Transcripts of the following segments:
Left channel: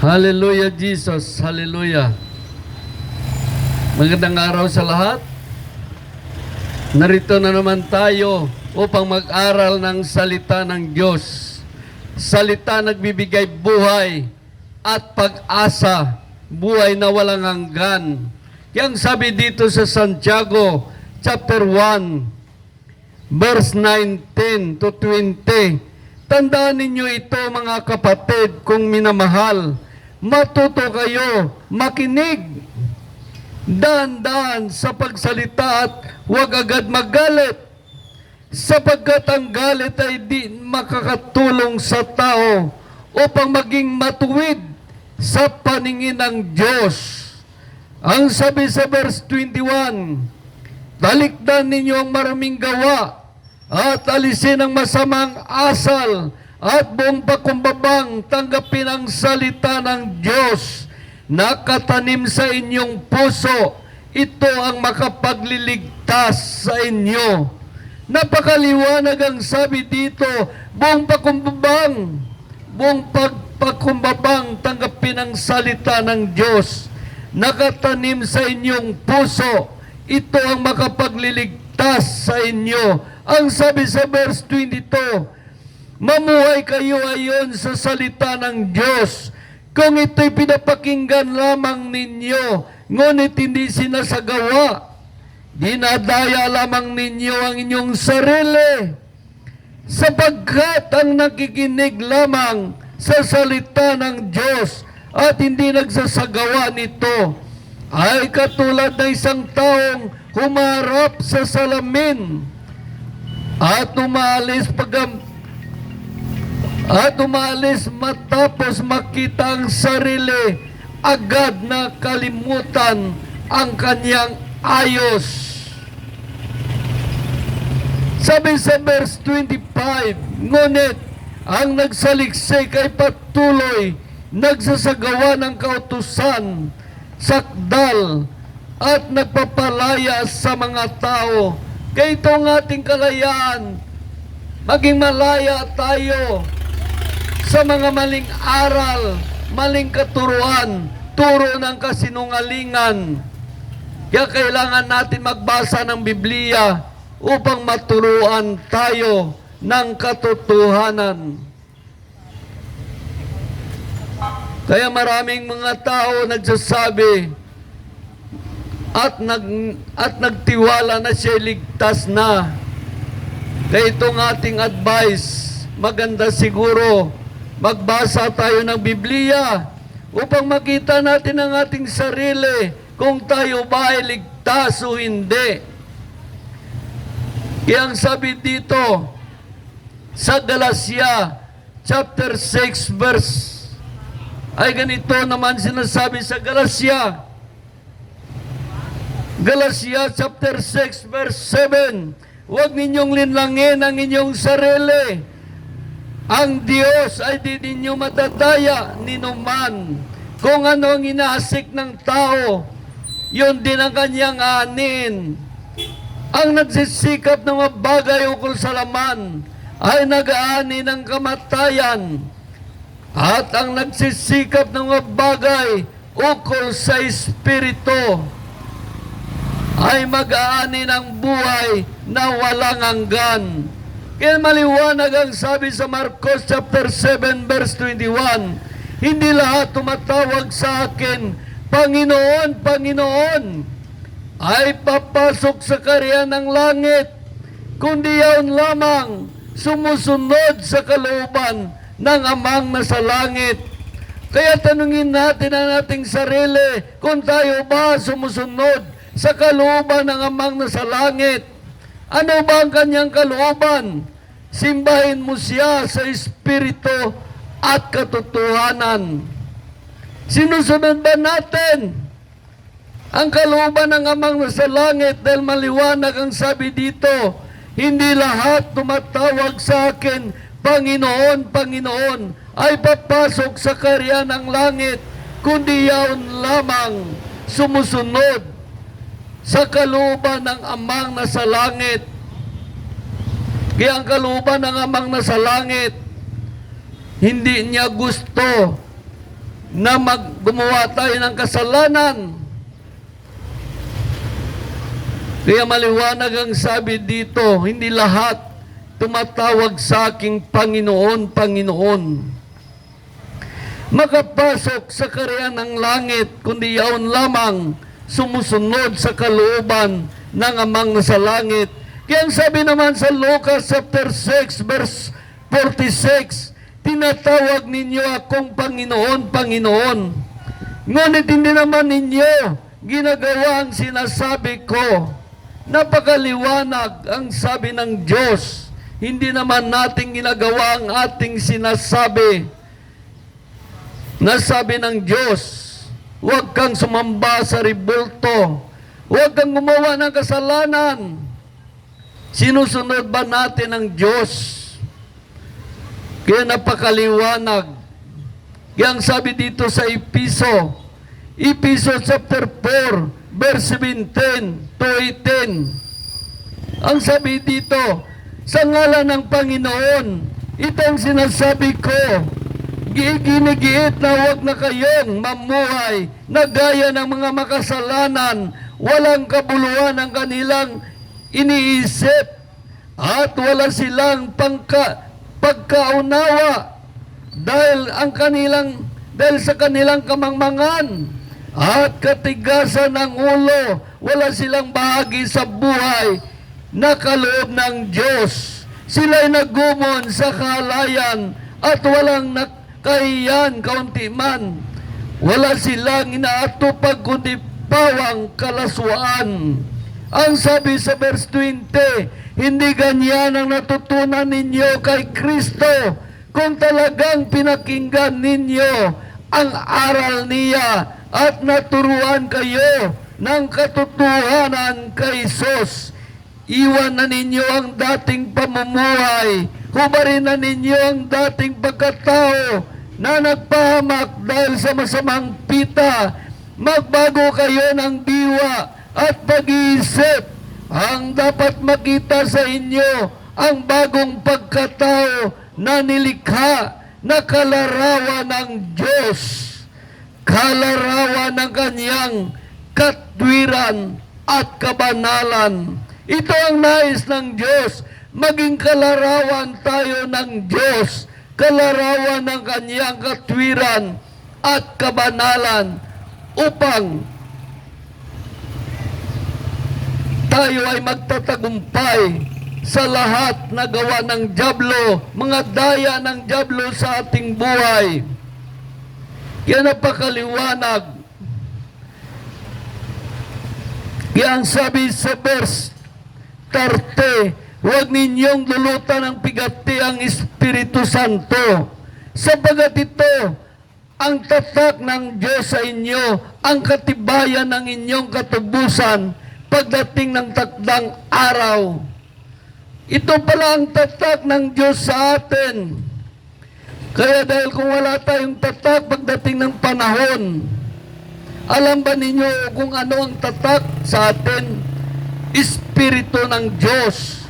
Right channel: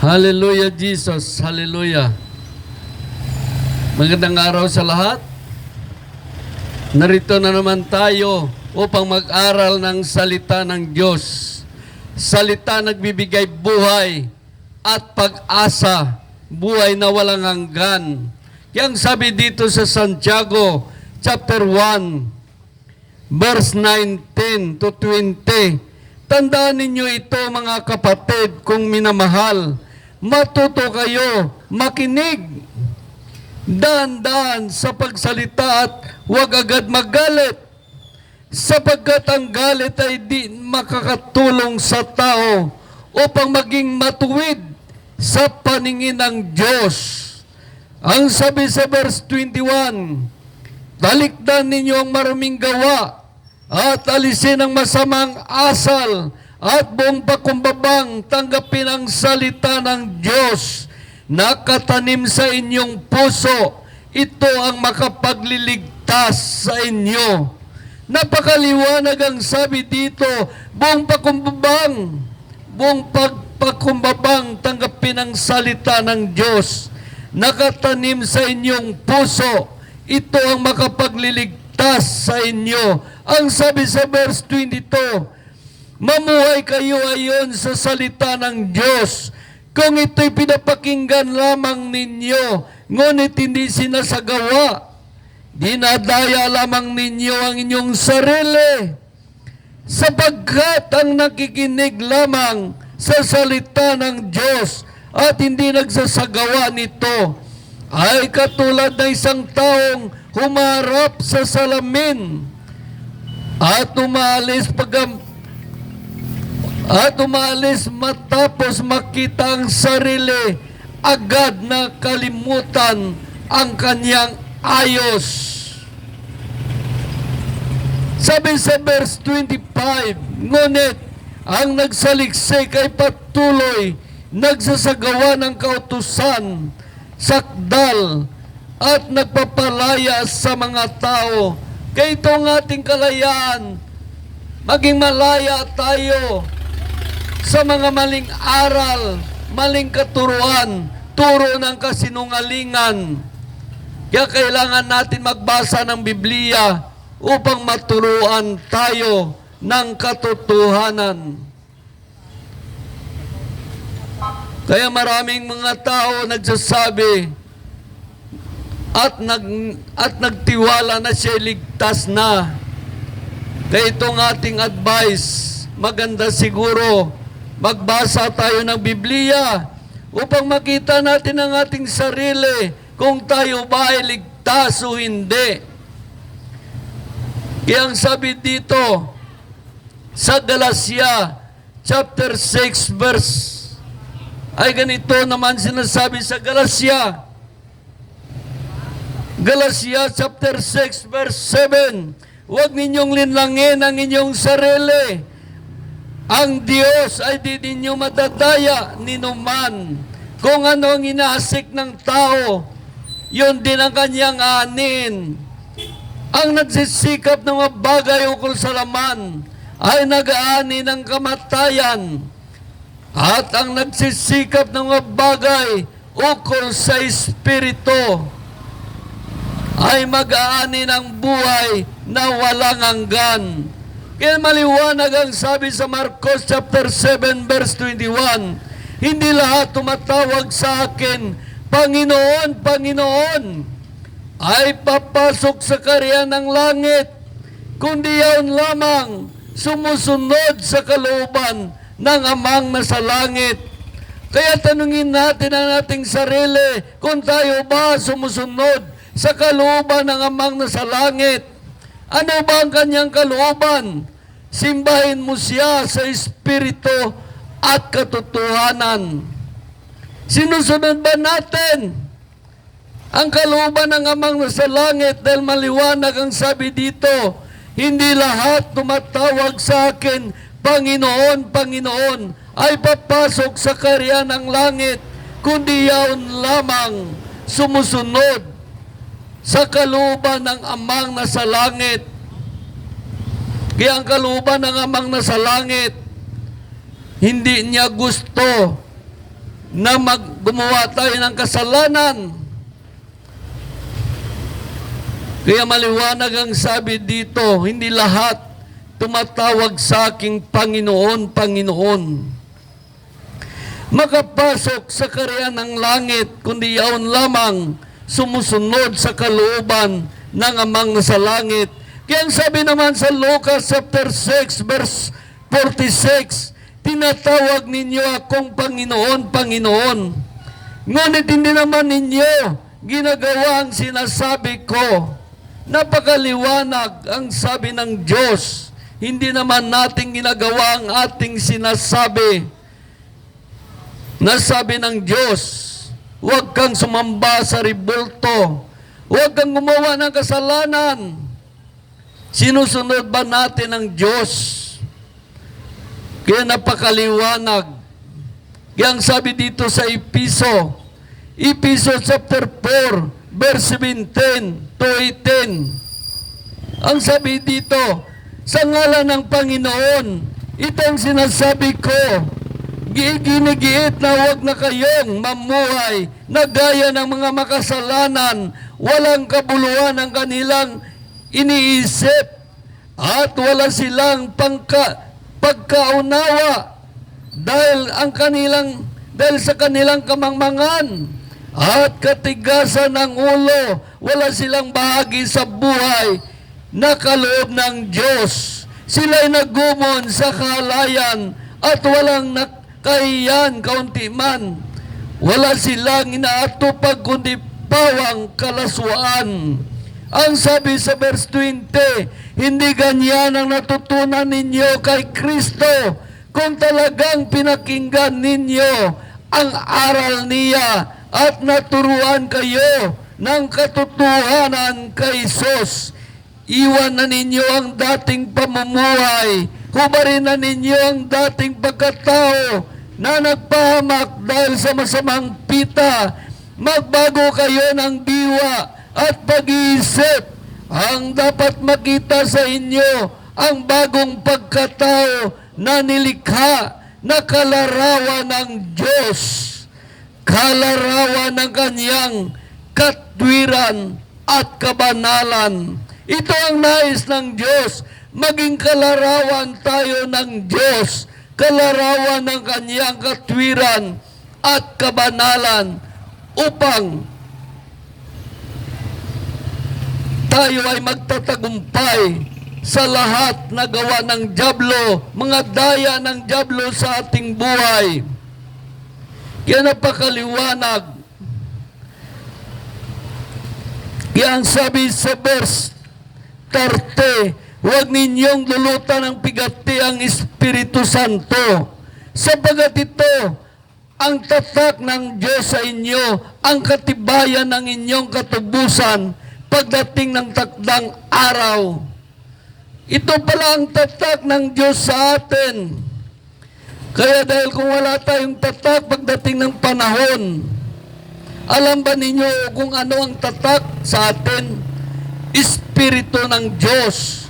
Hallelujah, Jesus. Hallelujah. Magandang araw sa lahat. Narito na naman tayo upang mag-aral ng salita ng Diyos. Salita nagbibigay buhay at pag-asa, buhay na walang hanggan. Yang sabi dito sa Santiago chapter 1, verse 19 to 20, tandaan ninyo ito mga kapatid kung minamahal. Matuto kayo, makinig, dahan-dahan sa pagsalita at huwag agad magalit, sapagkat ang galit ay di makakatulong sa tao upang maging matuwid sa paningin ng Diyos. Ang sabi sa verse 21, talikdan ninyo ang maraming gawa at alisin ang masamang asal at buong pakumbabang tanggapin ang salita ng Diyos na katanim sa inyong puso. Ito ang makapagliligtas sa inyo. Napakaliwanag ang sabi dito, buong pakumbabang tanggapin ang salita ng Diyos na katanim sa inyong puso. Ito ang makapagliligtas sa inyo. Ang sabi sa verse 22, mamuhay kayo ayon sa salita ng Diyos. Kung ito'y pinapakinggan lamang ninyo, ngunit hindi sinasagawa, dinadaya lamang ninyo ang inyong sarili. Sapagkat ang nakikinig lamang sa salita ng Diyos at hindi nagsasagawa nito, ay katulad ng isang taong humarap sa salamin at umalis matapos makita ang sarili, agad na kalimutan ang kanyang ayos. Sabi sa verse 25, ngunit ang nagsaliksik ay patuloy nagsasagawa ng kautusan, sakdal at nagpapalaya sa mga tao. Kaya ito ang ating kalayaan, maging malaya tayo sa mga maling aral, maling katuruan, turo ng kasinungalingan. Kaya kailangan natin magbasa ng Biblia upang maturuan tayo ng katotohanan. Kaya maraming mga tao nagsasabi at nagtiwala na siya ligtas na. Kaya itong ating advice, maganda siguro magbasa tayo ng Biblia upang makita natin ang ating sarili kung tayo ba ay ligtas o hindi. Kaya ang sabi dito sa Galatia chapter 6 verse ay ganito naman sinasabi sa Galatia chapter 6 verse 7, huwag ninyong linlangin ang inyong sarili. Ang Diyos ay di ninyo madadaya ninuman. Kung ano ang inaasik ng tao, yun din ang kanyang anin. Ang nagsisikap ng mga bagay ukol sa laman ay nag-aani ng kamatayan. At ang nagsisikap ng mga bagay ukol sa Espiritu ay mag-aani ng buhay na walang hanggan. Kaya maliwanag ang sabi sa Marcos chapter 7 verse 21, hindi lahat tumatawag sa akin, Panginoon, Panginoon, ay papasok sa kaharian ng langit, kundi yaon lamang sumusunod sa kalooban ng Amang nasa langit. Kaya tanungin natin ang ating sarili kung tayo ba sumusunod sa kalooban ng Amang nasa langit. Ano ba ang kanyang kalooban? Simbahin mo siya sa Espiritu at katotohanan. Sinusunod ba natin ang kalooban ng Amang nasa langit? Dahil maliwanag ang sabi dito, hindi lahat tumatawag sa akin, Panginoon, Panginoon, ay papasok sa kaharian ng langit, kundi yaon lamang sumusunod sa kalooban ng Amang nasa langit. Kaya ang kalooban ng Amang nasa langit, hindi niya gusto na gumawa tayo ng kasalanan. Kaya maliwanag ang sabi dito, hindi lahat tumatawag sa aking Panginoon, Panginoon makapasok sa kaharian ng langit, kundi yaon lamang sumusunod sa kalooban ng Amang nasa langit. Kaya ang sabi naman sa Lucas chapter 6 verse 46, tinatawag ninyo akong Panginoon, Panginoon. Ngunit hindi naman ninyo ginagawa ang sinasabi ko. Napakaliwanag ang sabi ng Diyos. Hindi naman natin ginagawa ang ating sinasabi. Nasabi ng Diyos, huwag kang sumamba sa ribulto. Huwag kang gumawa ng kasalanan. Sinusunod ba natin ang Diyos? Kaya napakaliwanag. Kaya ang sabi dito sa Episo chapter 4, verse 17 to 18. Ang sabi dito, sa ngalan ng Panginoon, ito ang sinasabi ko, ginigiit na huwag na kayong mamuhay na gaya ng mga makasalanan, walang kabuluhan ang kanilang iniisip at wala silang pagkaunawa dahil sa kanilang kamangmangan at katigasan ng ulo, wala silang bahagi sa buhay na kaloob ng Diyos. Sila'y nagumon sa kahalayan at walang nakahiyan kaunti man. Wala silang inaatupag kundi pawang kalaswaan. Ang sabi sa verse 20, hindi ganyan ang natutunan ninyo kay Kristo kung talagang pinakinggan ninyo ang aral niya at naturuan kayo ng katotohanan kay Jesus. Iwan na ninyo ang dating pamumuhay, hubarin na ninyo ang dating pagkatao na nagpahamak dahil sa masamang pita. Magbago kayo ng diwa at pag-iisip. Ang dapat makita sa inyo ang bagong pagkatao na nilikha na kalarawan ng Diyos, kalarawan ng kanyang katwiran at kabanalan. Ito ang nais ng Diyos, maging kalarawan tayo ng Diyos, kalarawan ng kanyang katwiran at kabanalan upang tayo ay magtatagumpay sa lahat na gawa ng dyablo, mga daya ng dyablo sa ating buhay. Kaya napakaliwanag. Kaya ang sabi sa verse 30, huwag ninyong lulutan ng pigati ang Espiritu Santo, sapagat ito ang tatak ng Diyos sa inyo, ang katibayan ng inyong katubusan pagdating ng takdang araw. Ito pala ang tatak ng Diyos sa atin. Kaya dahil kung wala tayong tatak pagdating ng panahon, alam ba ninyo kung ano ang tatak sa atin? Espiritu ng Diyos.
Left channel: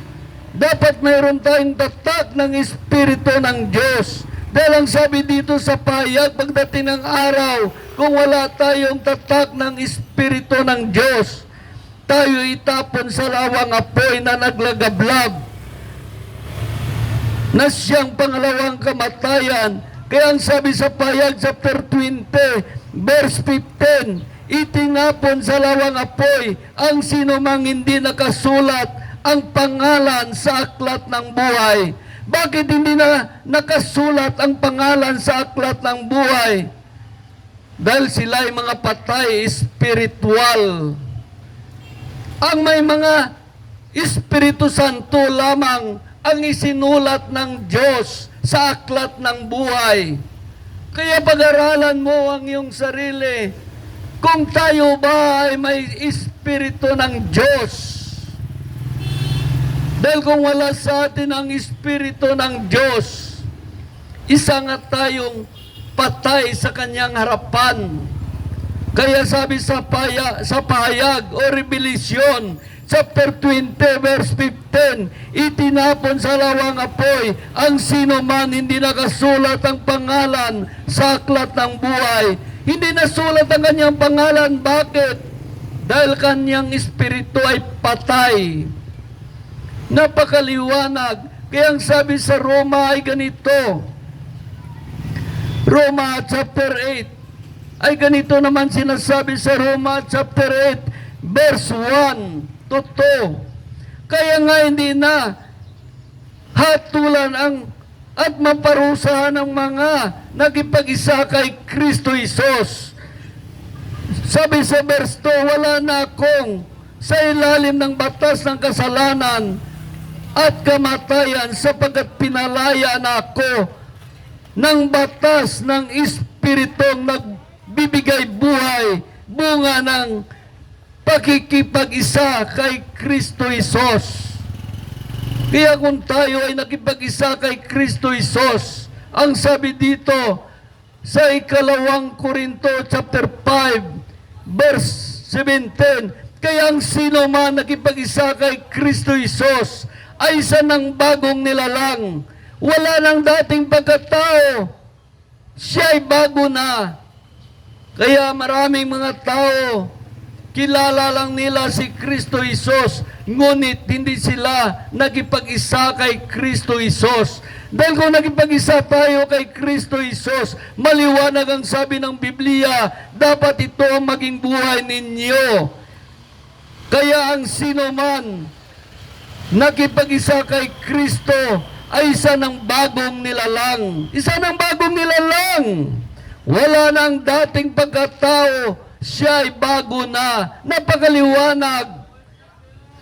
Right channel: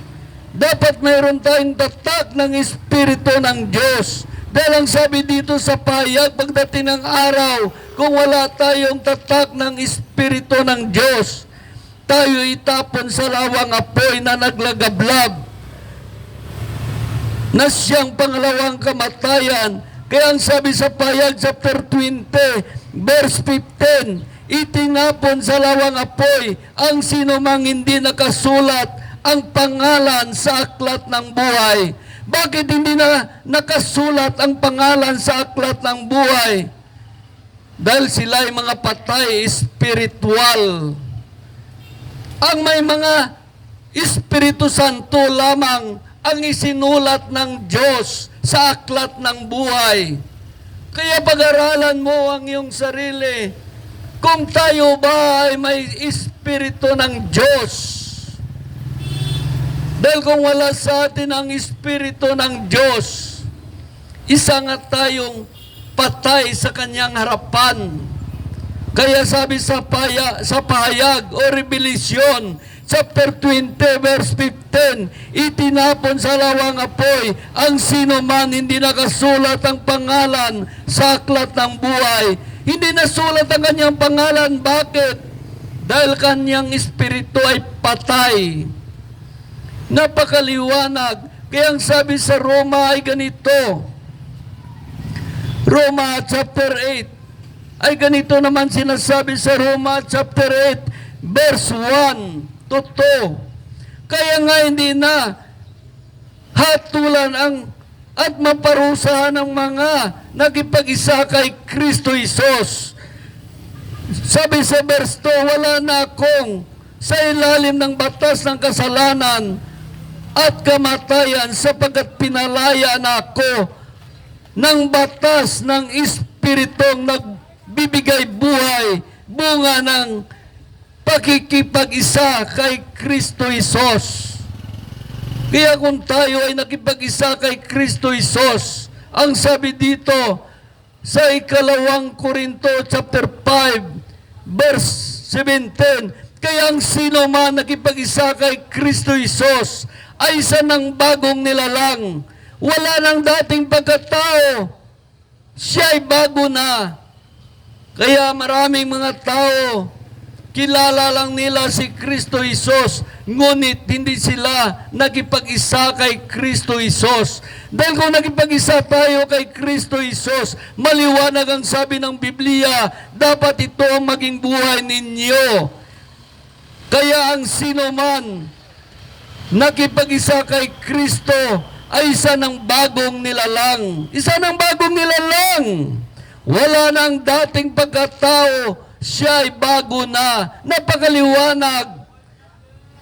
Dapat mayroon tayong tatak ng Espiritu ng Diyos. Dahil ang sabi dito sa pahayag, pagdating ng araw, kung wala tayong tatak ng Espiritu ng Diyos, tayo itapon sa lawang apoy na naglagablag, na siyang pangalawang kamatayan. Kaya ang sabi sa pahayag chapter 20, verse 15, itinapon sa lawang apoy ang sinumang hindi nakasulat ang pangalan sa aklat ng buhay. Bakit hindi na nakasulat ang pangalan sa aklat ng buhay? Dahil sila ay mga patay espiritual. Ang may mga Espiritu Santo lamang ang isinulat ng Diyos sa aklat ng buhay. Kaya pag-aralan mo ang iyong sarili, kung tayo ba ay may Espiritu ng Diyos. Dahil kung wala sa atin ang Espiritu ng Diyos, isa nga tayong patay sa kanyang harapan. Kaya sabi sa pahayag o revelasyon, chapter 20 verse 15, itinapon sa lawang apoy ang sino man hindi nakasulat ang pangalan sa aklat ng buhay. Hindi nasulat ang kanyang pangalan. Bakit? Dahil kanyang espiritu ay patay. Napakaliwanag. Kaya ang sabi sa Roma ay ganito, Roma chapter 8, ay ganito naman sinasabi sa Roma chapter 8 verse 1 to 2. Kaya nga hindi na hatulan ang at maparusahan ng mga nagipag-isa kay Kristo Isos. Sabi sa verse 2, wala na akong sa ilalim ng batas ng kasalanan at kamatayan sapagkat pinalaya na ako ng batas ng Espiritong nagbibigay buhay, bunga ng pakikipag-isa kay Kristo Isos. Kaya kung tayo ay nakipag-isa kay Kristo Isos, ang sabi dito sa ikalawang Korinto chapter 5 verse 17, kaya ang sino man nakipag-isa kay Kristo Isos ay isa ng bagong nilalang. Wala nang dating pagkatao, siya ay bago na. Kaya maraming mga tao, kilala lang nila si Kristo Isos, ngunit hindi sila nagipag-isa kay Kristo Isos. Dahil kung nagipag-isa tayo kay Kristo Isos, maliwanag ang sabi ng Biblia, dapat ito ang maging buhay ninyo. Kaya ang sino man nakipag-isa kay Kristo ay isa ng bagong nilalang. Isa ng bagong nilalang. Wala nang dating pagkatao, siya ay bago na. Napakaliwanag.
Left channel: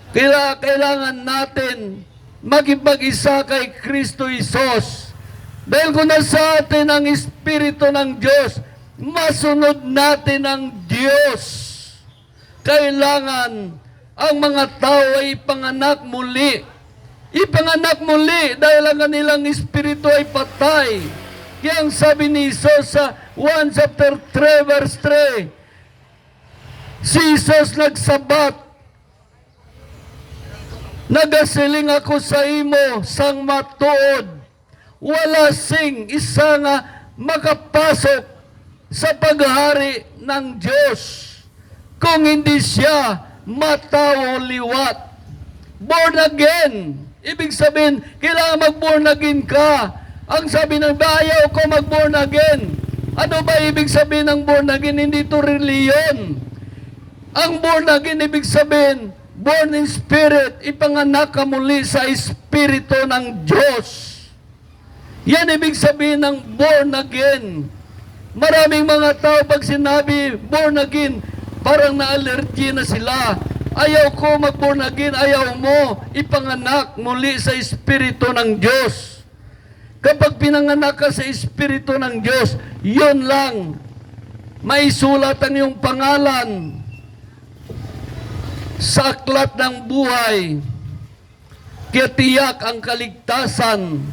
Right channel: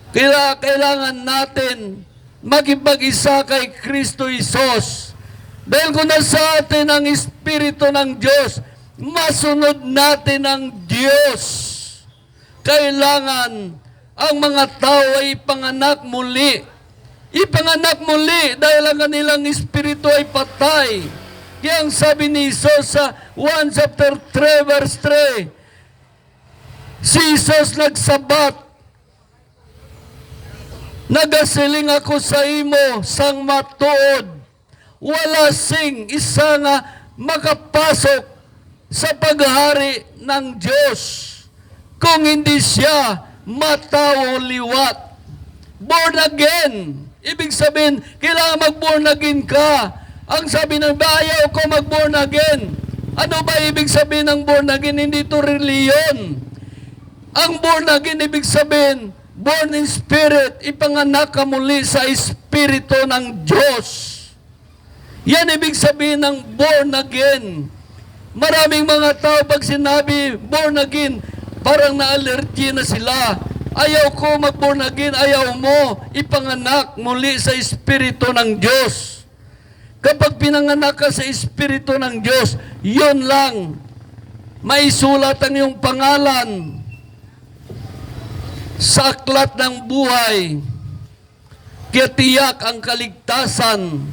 Kaya kailangan natin makipag-isa kay Kristo Isos. Dahil kung nasa atin ang Espiritu ng Diyos, masunod natin ang Diyos. Kailangan ang mga tao ay ipanganak muli. Ipanganak muli dahil ang kanilang espiritu ay patay. Kaya ang sabi ni Jesus sa 1 chapter 3 verse 3, si Jesus nagsabat, nagasiling ako sa imo sang matuod, wala sing isa nga makapasok sa paghari ng Diyos kung hindi siya matao liwat. Born again. Ibig sabihin, kailangan mag-born again ka. Ang sabi ng ayaw ko mag-born again. Ano ba ibig sabihin ng born again? Hindi ito reliyon. Ang born again, ibig sabihin, born in spirit, ipanganak ka muli sa espiritu ng Diyos. Yan ibig sabihin ng born again. Maraming mga tao pag sinabi born again, parang na-allergy na sila. Ayaw ko mag-born again, ayaw mo ipanganak muli sa Espiritu ng Diyos. Kapag pinanganak ka sa Espiritu ng Diyos, yun lang, maisulat ang iyong pangalan sa aklat ng buhay. Kaya tiyak ang kaligtasan.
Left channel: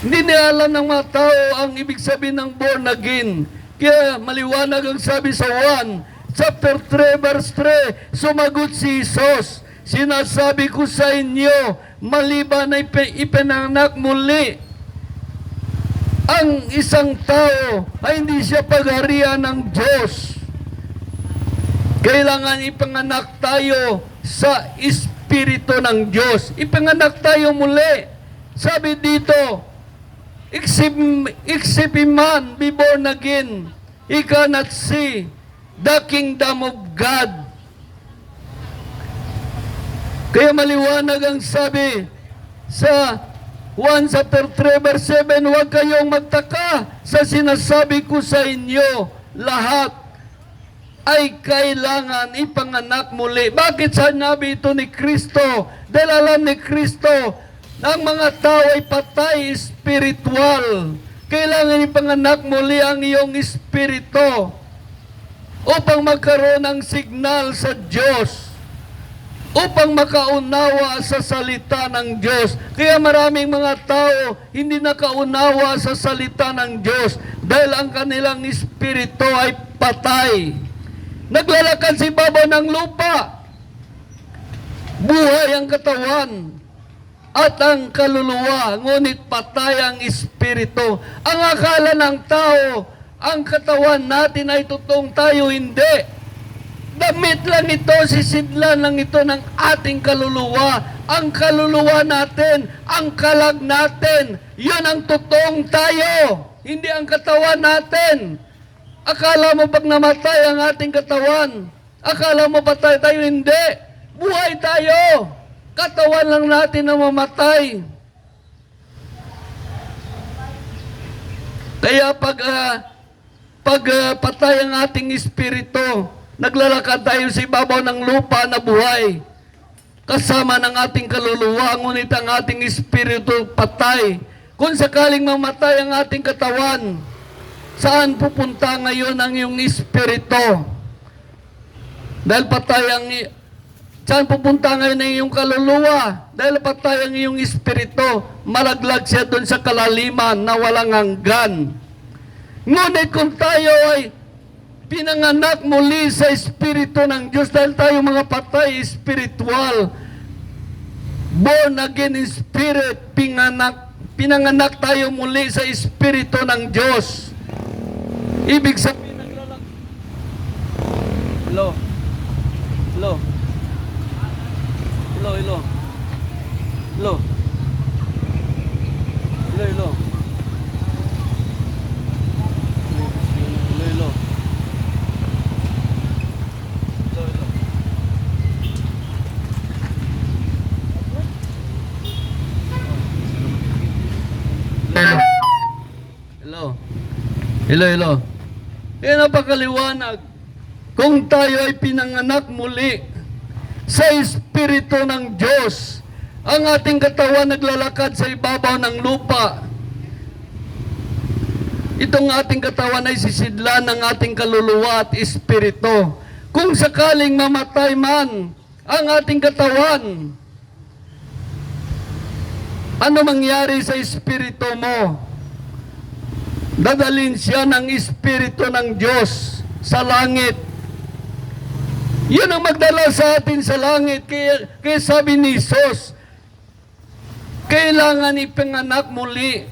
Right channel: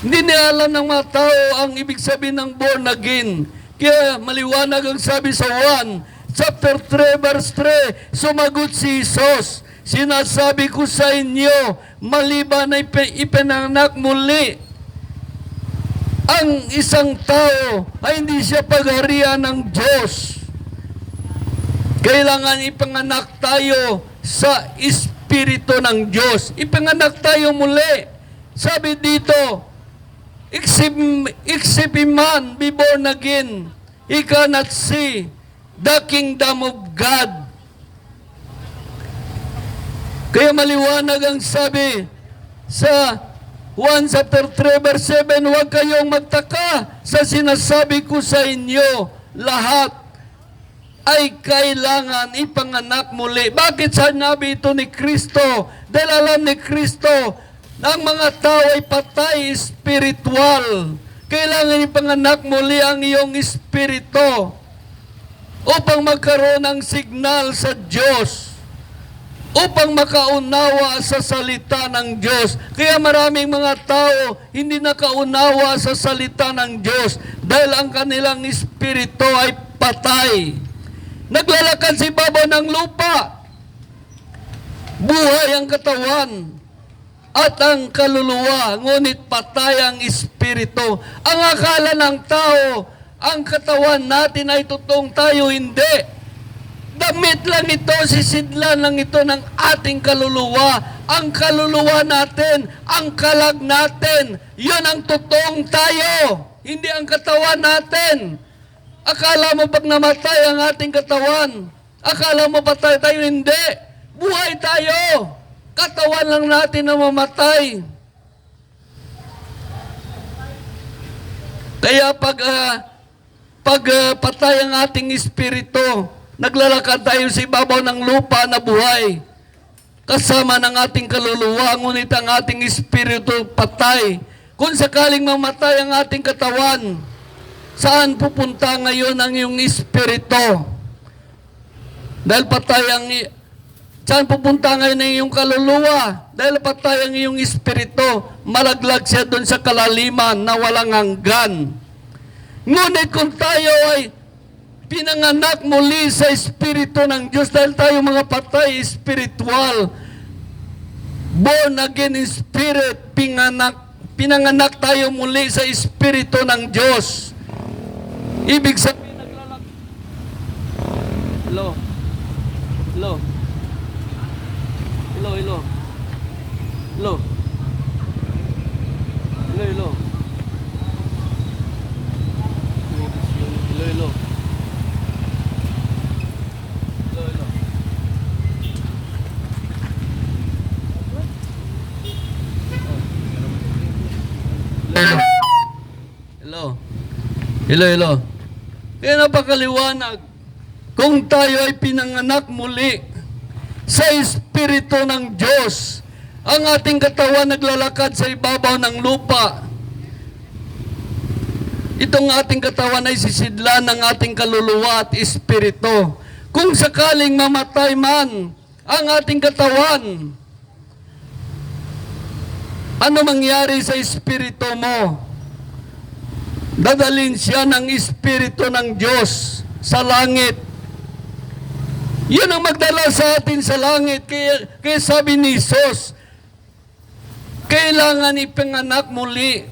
Hindi na alam ng mga tao ang ibig sabihin ng born again. Kaya maliwanag ang sabi sa 1 chapter 3 verse 3, sumagot si Jesus, sinasabi ko sa inyo, maliban na ipinanak muli ang isang tao ay hindi siya pagharian ng Diyos. Kailangan ipanganak tayo sa Espiritu ng Diyos. Ipanganak tayo muli. Sabi dito, except a man be born again, he cannot see the kingdom of God. Kaya maliwanag ang sabi sa 1 chapter 3 verse 7, huwag kayong magtaka sa sinasabi ko sa inyo, lahat ay kailangan ipanganak muli. Bakit sinabi ito ni Kristo? Dahil alam ni Kristo na ang mga tao ay patay spiritual. Kailangan ipanganak muli ang iyong espiritu upang magkaroon ng signal sa Diyos, upang makaunawa sa salita ng Diyos. Kaya maraming mga tao hindi nakaunawa sa salita ng Diyos dahil ang kanilang espiritu ay patay. Naglalakad si Baba ng lupa. Buhay ang katawan at ang kaluluwa, ngunit patay ang espiritu. Ang akala ng tao, ang katawan natin ay totoong tayo, hindi. Damit lang ito, sisidlan lang ito ng ating kaluluwa. Ang kaluluwa natin, ang kalag natin, yun ang totoong tayo, hindi ang katawan natin. Akala mo pag namatay ang ating katawan, akala mo patay tayo, hindi. Buhay tayo. Katawan lang natin na mamatay. Kaya pag patay ang ating espiritu, naglalakad tayo sa ibabaw ng lupa na buhay. Kasama ng ating kaluluwa, ngunit ang ating espiritu patay. Kung sakaling mamatay ang ating katawan, saan pupunta ngayon ang iyong espiritu? Dahil patay ang saan pupunta ngayon ang iyong kaluluwa? Dahil patay ang iyong espiritu, malaglag siya doon sa kalaliman na walang hanggan. Ngunit kung tayo ay pinanganak muli sa espiritu ng Diyos, dahil tayo mga patay espiritual, born again in spirit, pinanganak tayo muli sa espiritu ng Diyos. Ibig sabihin, hello. Hello. Hello, hello. Hello. Hello, hello. Hello, hello. Hello, hello. Hello. Hello, hello. Kaya napakaliwanag. Kung tayo ay pinanganak muli sa espiritu ng Diyos, ang ating katawan naglalakad sa ibabaw ng lupa. Itong ating katawan ay sisidlan ng ating kaluluwa at espiritu. Kung sakaling mamatay man ang ating katawan, ano mangyari sa espiritu mo? Dadalhin siya ng espiritu ng Diyos sa langit. Yun ang magdala sa atin sa langit. Kaya sabi ni Jesus, kailangan ipanganak muli.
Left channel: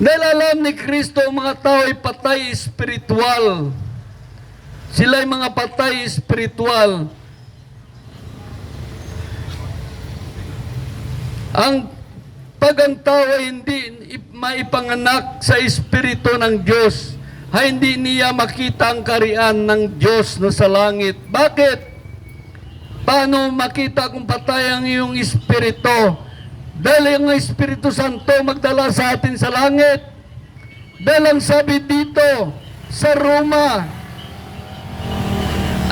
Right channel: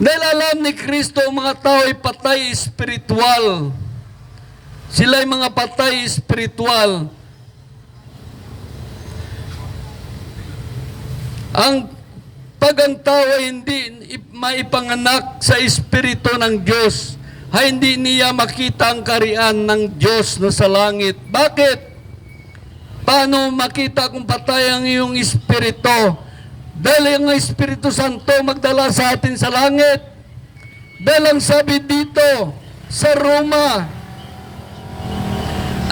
Dahil alam ni Kristo, ang mga tao ay patay espiritual. Sila ay mga patay espiritual. Pag ang tao ay hindi maipanganak sa espiritu ng Diyos, ay hindi niya makita ang kariyan ng Diyos na sa langit. Bakit? Paano makita kung patay ang iyong espiritu? Dahil ang Espiritu Santo magdala sa atin sa langit. Dahil ang sabi dito sa Roma,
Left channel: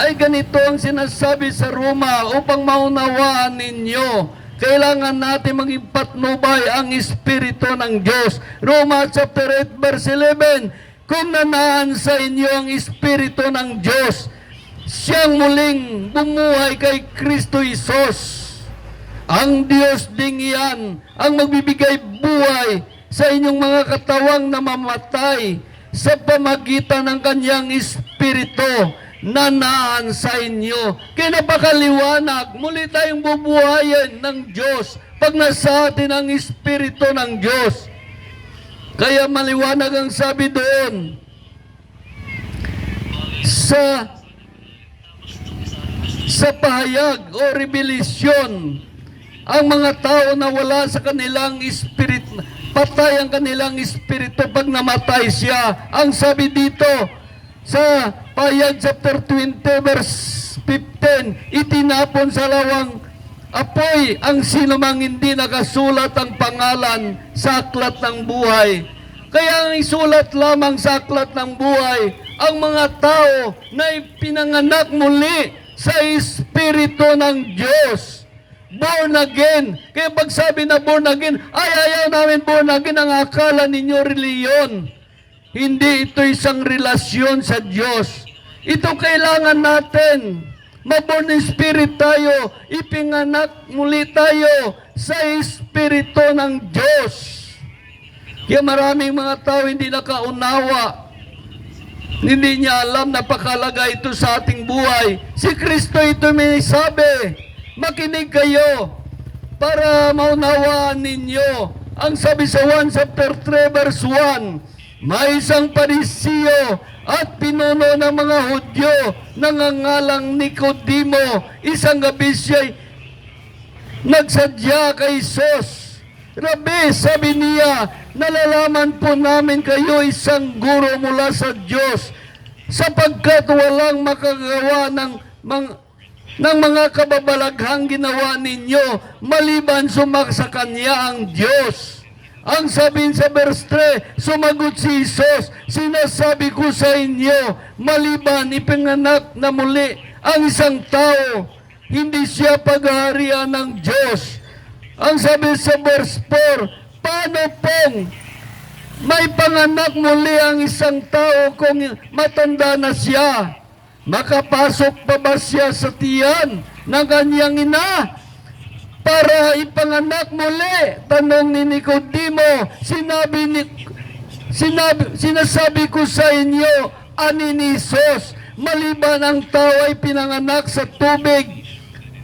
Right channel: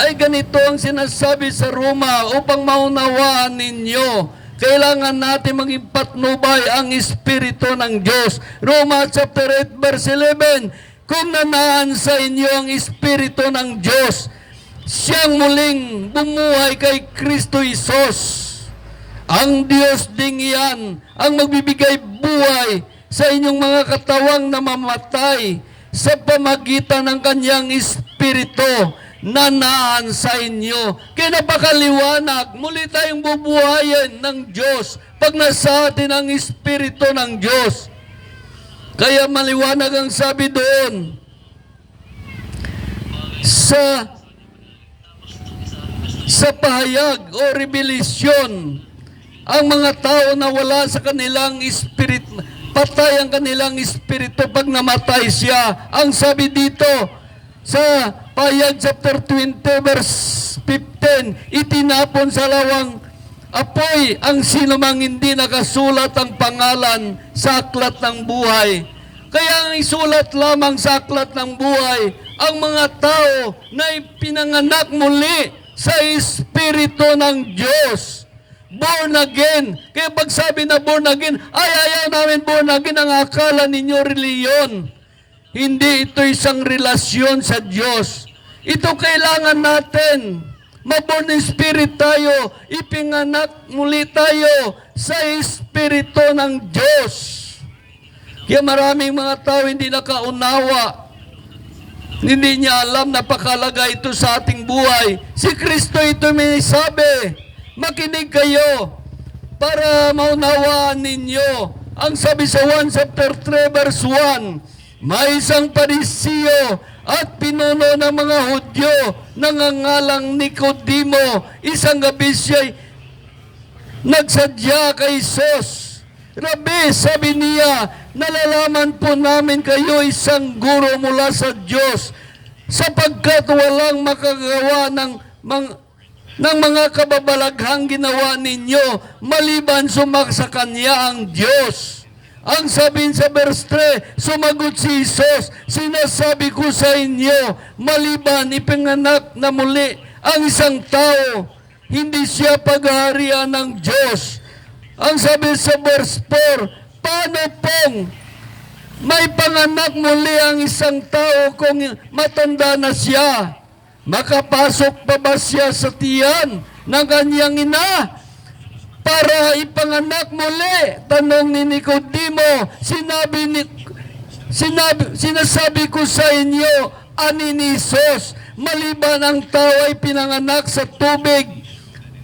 ay ganito ang sinasabi sa Roma, upang maunawaan ninyo, kailangan natin maging patnubay ang Espiritu ng Diyos. Roma chapter 8 verse 11, kung nanaan sa inyo ang Espiritu ng Diyos, siyang muling bumuhay kay Kristo Isos. Ang Diyos ding iyan ang magbibigay buhay sa inyong mga katawang namamatay sa pamagitan ng kanyang Espiritu na naan sa inyo. Kaya napakaliwanag, muli tayong bubuhayin ng Diyos pag nasa atin ang Espiritu ng Diyos. Kaya maliwanag ang sabi doon sa pahayag o revelasyon, ang mga tao na wala sa kanilang espiritu, patay ang kanilang espiritu pag namatay siya. Ang sabi dito sa pahayag chapter 20 verse 15, itinapon sa lawang apoy ang sinumang hindi nakasulat ang pangalan sa aklat ng buhay. Kaya ang isulat lamang sa aklat ng buhay ang mga tao na ipinanganak muli sa Espiritu ng Diyos. Born again. Kaya pag sabi na born again, ay ayaw namin born again, ang akala ninyo reliyon. Hindi ito isang relasyon sa Diyos. Ito kailangan natin. Maborn spirit tayo, ipinganak muli tayo sa Espiritu ng Diyos. Kaya maraming mga tao hindi nakaunawa Hindi niya alam na pakalaga ito sa ating buhay. Si Kristo ito may sabi, makinig kayo para maunawaan ninyo. Ang sabi sa 1 chapter 3 verse 1, may isang Pariseo at pinuno ng mga Hudyo nangangalang Nicodemo. Isang gabi siya'y nagsadya kay Jesus. Rabi, sabi niya, nalalaman po namin kayo isang guro mula sa Diyos, sapagkat walang makagawa ng mga kababalaghang ginawa ninyo maliban sumaksa Kanya ang Diyos. Ang sabihin sa verse 3, sumagot si Jesus, sinasabi ko sa inyo, maliban ipinganak na muli ang isang tao, hindi siya paghaharian ng Diyos. Ang sabi sa verse 4, paano pong may panganak muli ang isang tao kung matanda na siya? Makapasok pa ba siya sa tiyan ng kanyang ina para ipanganak muli? Tanong ni Nicodemo, sinasabi ko sa inyo, ani ni Jesus, maliban ang tao ay pinanganak sa tubig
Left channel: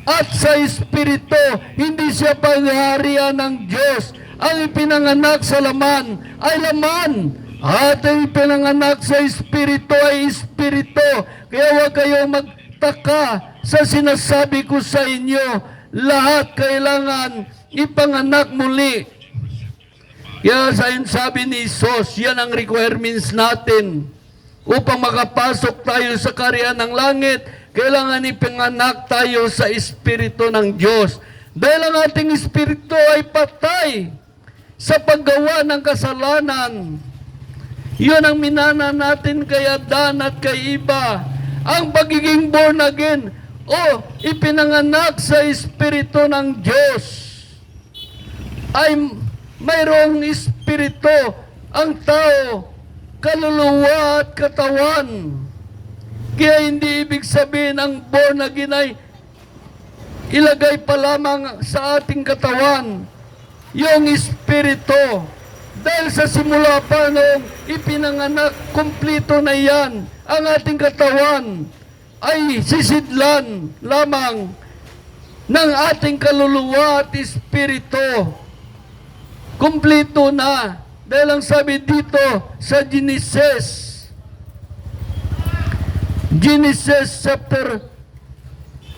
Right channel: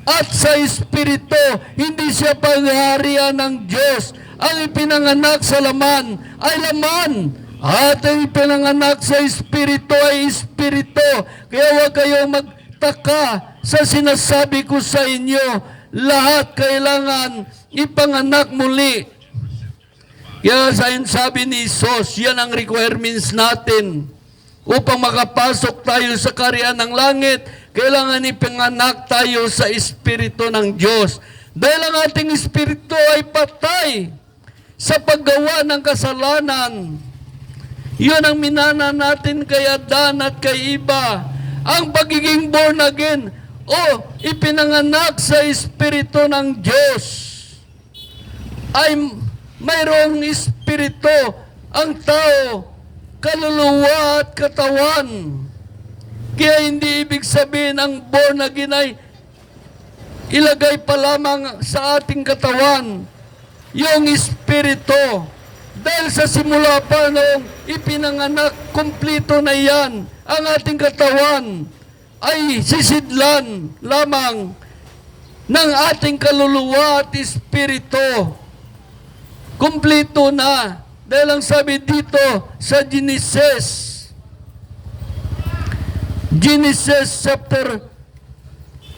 at sa Espiritu, hindi siya paghaharian ng Diyos. Ang ipinanganak sa laman ay laman, at ang ipinanganak sa Espiritu ay Espiritu. Kaya huwag kayong magtaka sa sinasabi ko sa inyo, lahat kailangan ipanganak muli. Kaya sabi ni Jesus, yan ang requirements natin. Upang makapasok tayo sa kaharian ng langit, kailangan ipanganak tayo sa Espiritu ng Diyos. Dahil ang ating Espiritu ay patay sa paggawa ng kasalanan. Yun ang minana natin kay Adan at kay Eva. Ang pagiging born again, ipinanganak sa Espiritu ng Diyos, ay mayroong Espiritu ang tao, kaluluwa at katawan. Kaya hindi ibig sabihin ang born again ay ilagay pa lamang sa ating katawan yung Espiritu. Dahil sa simula pa noong ipinanganak, kumplito na yan. Ang ating katawan ay sisidlan lamang ng ating kaluluwa at Espiritu. Kumplito na. Dahil ang sabi dito sa Genesis chapter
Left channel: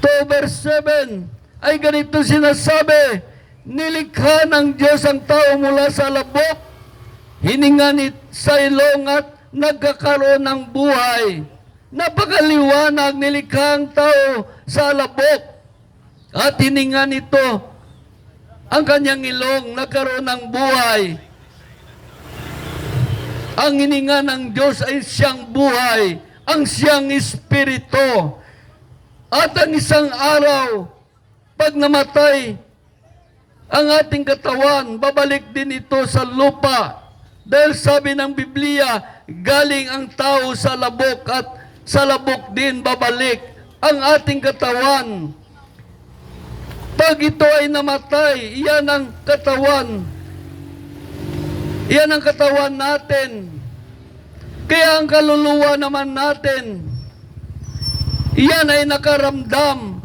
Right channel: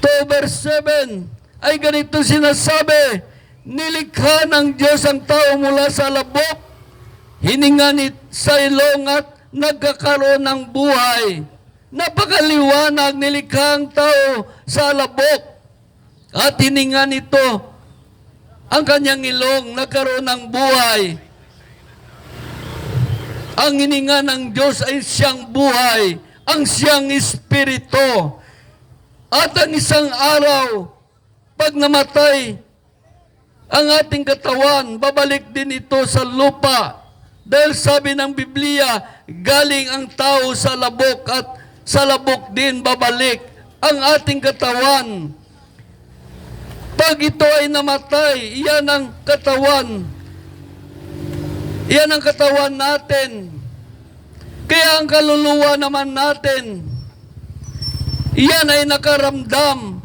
2 verse 7 ay ganito sinasabi, nilikha ng Diyos ang tao mula sa labok, hininga sa ilong at nagkakaroon ng buhay. Napakaliwanag, nilikha ang tao sa labok at hininga nito ang kanyang ilong, nagkaroon ng buhay. Ang hininga ng Diyos ay siyang buhay, ang siyang Espiritu. At ang isang araw, pag namatay ang ating katawan, babalik din ito sa lupa. Dahil sabi ng Biblia, galing ang tao sa labok at sa labok din babalik ang ating katawan. Pag ito ay namatay, iyan ang katawan. Iyan ang katawan natin. Kaya ang kaluluwa naman natin, iyan ay nakaramdam.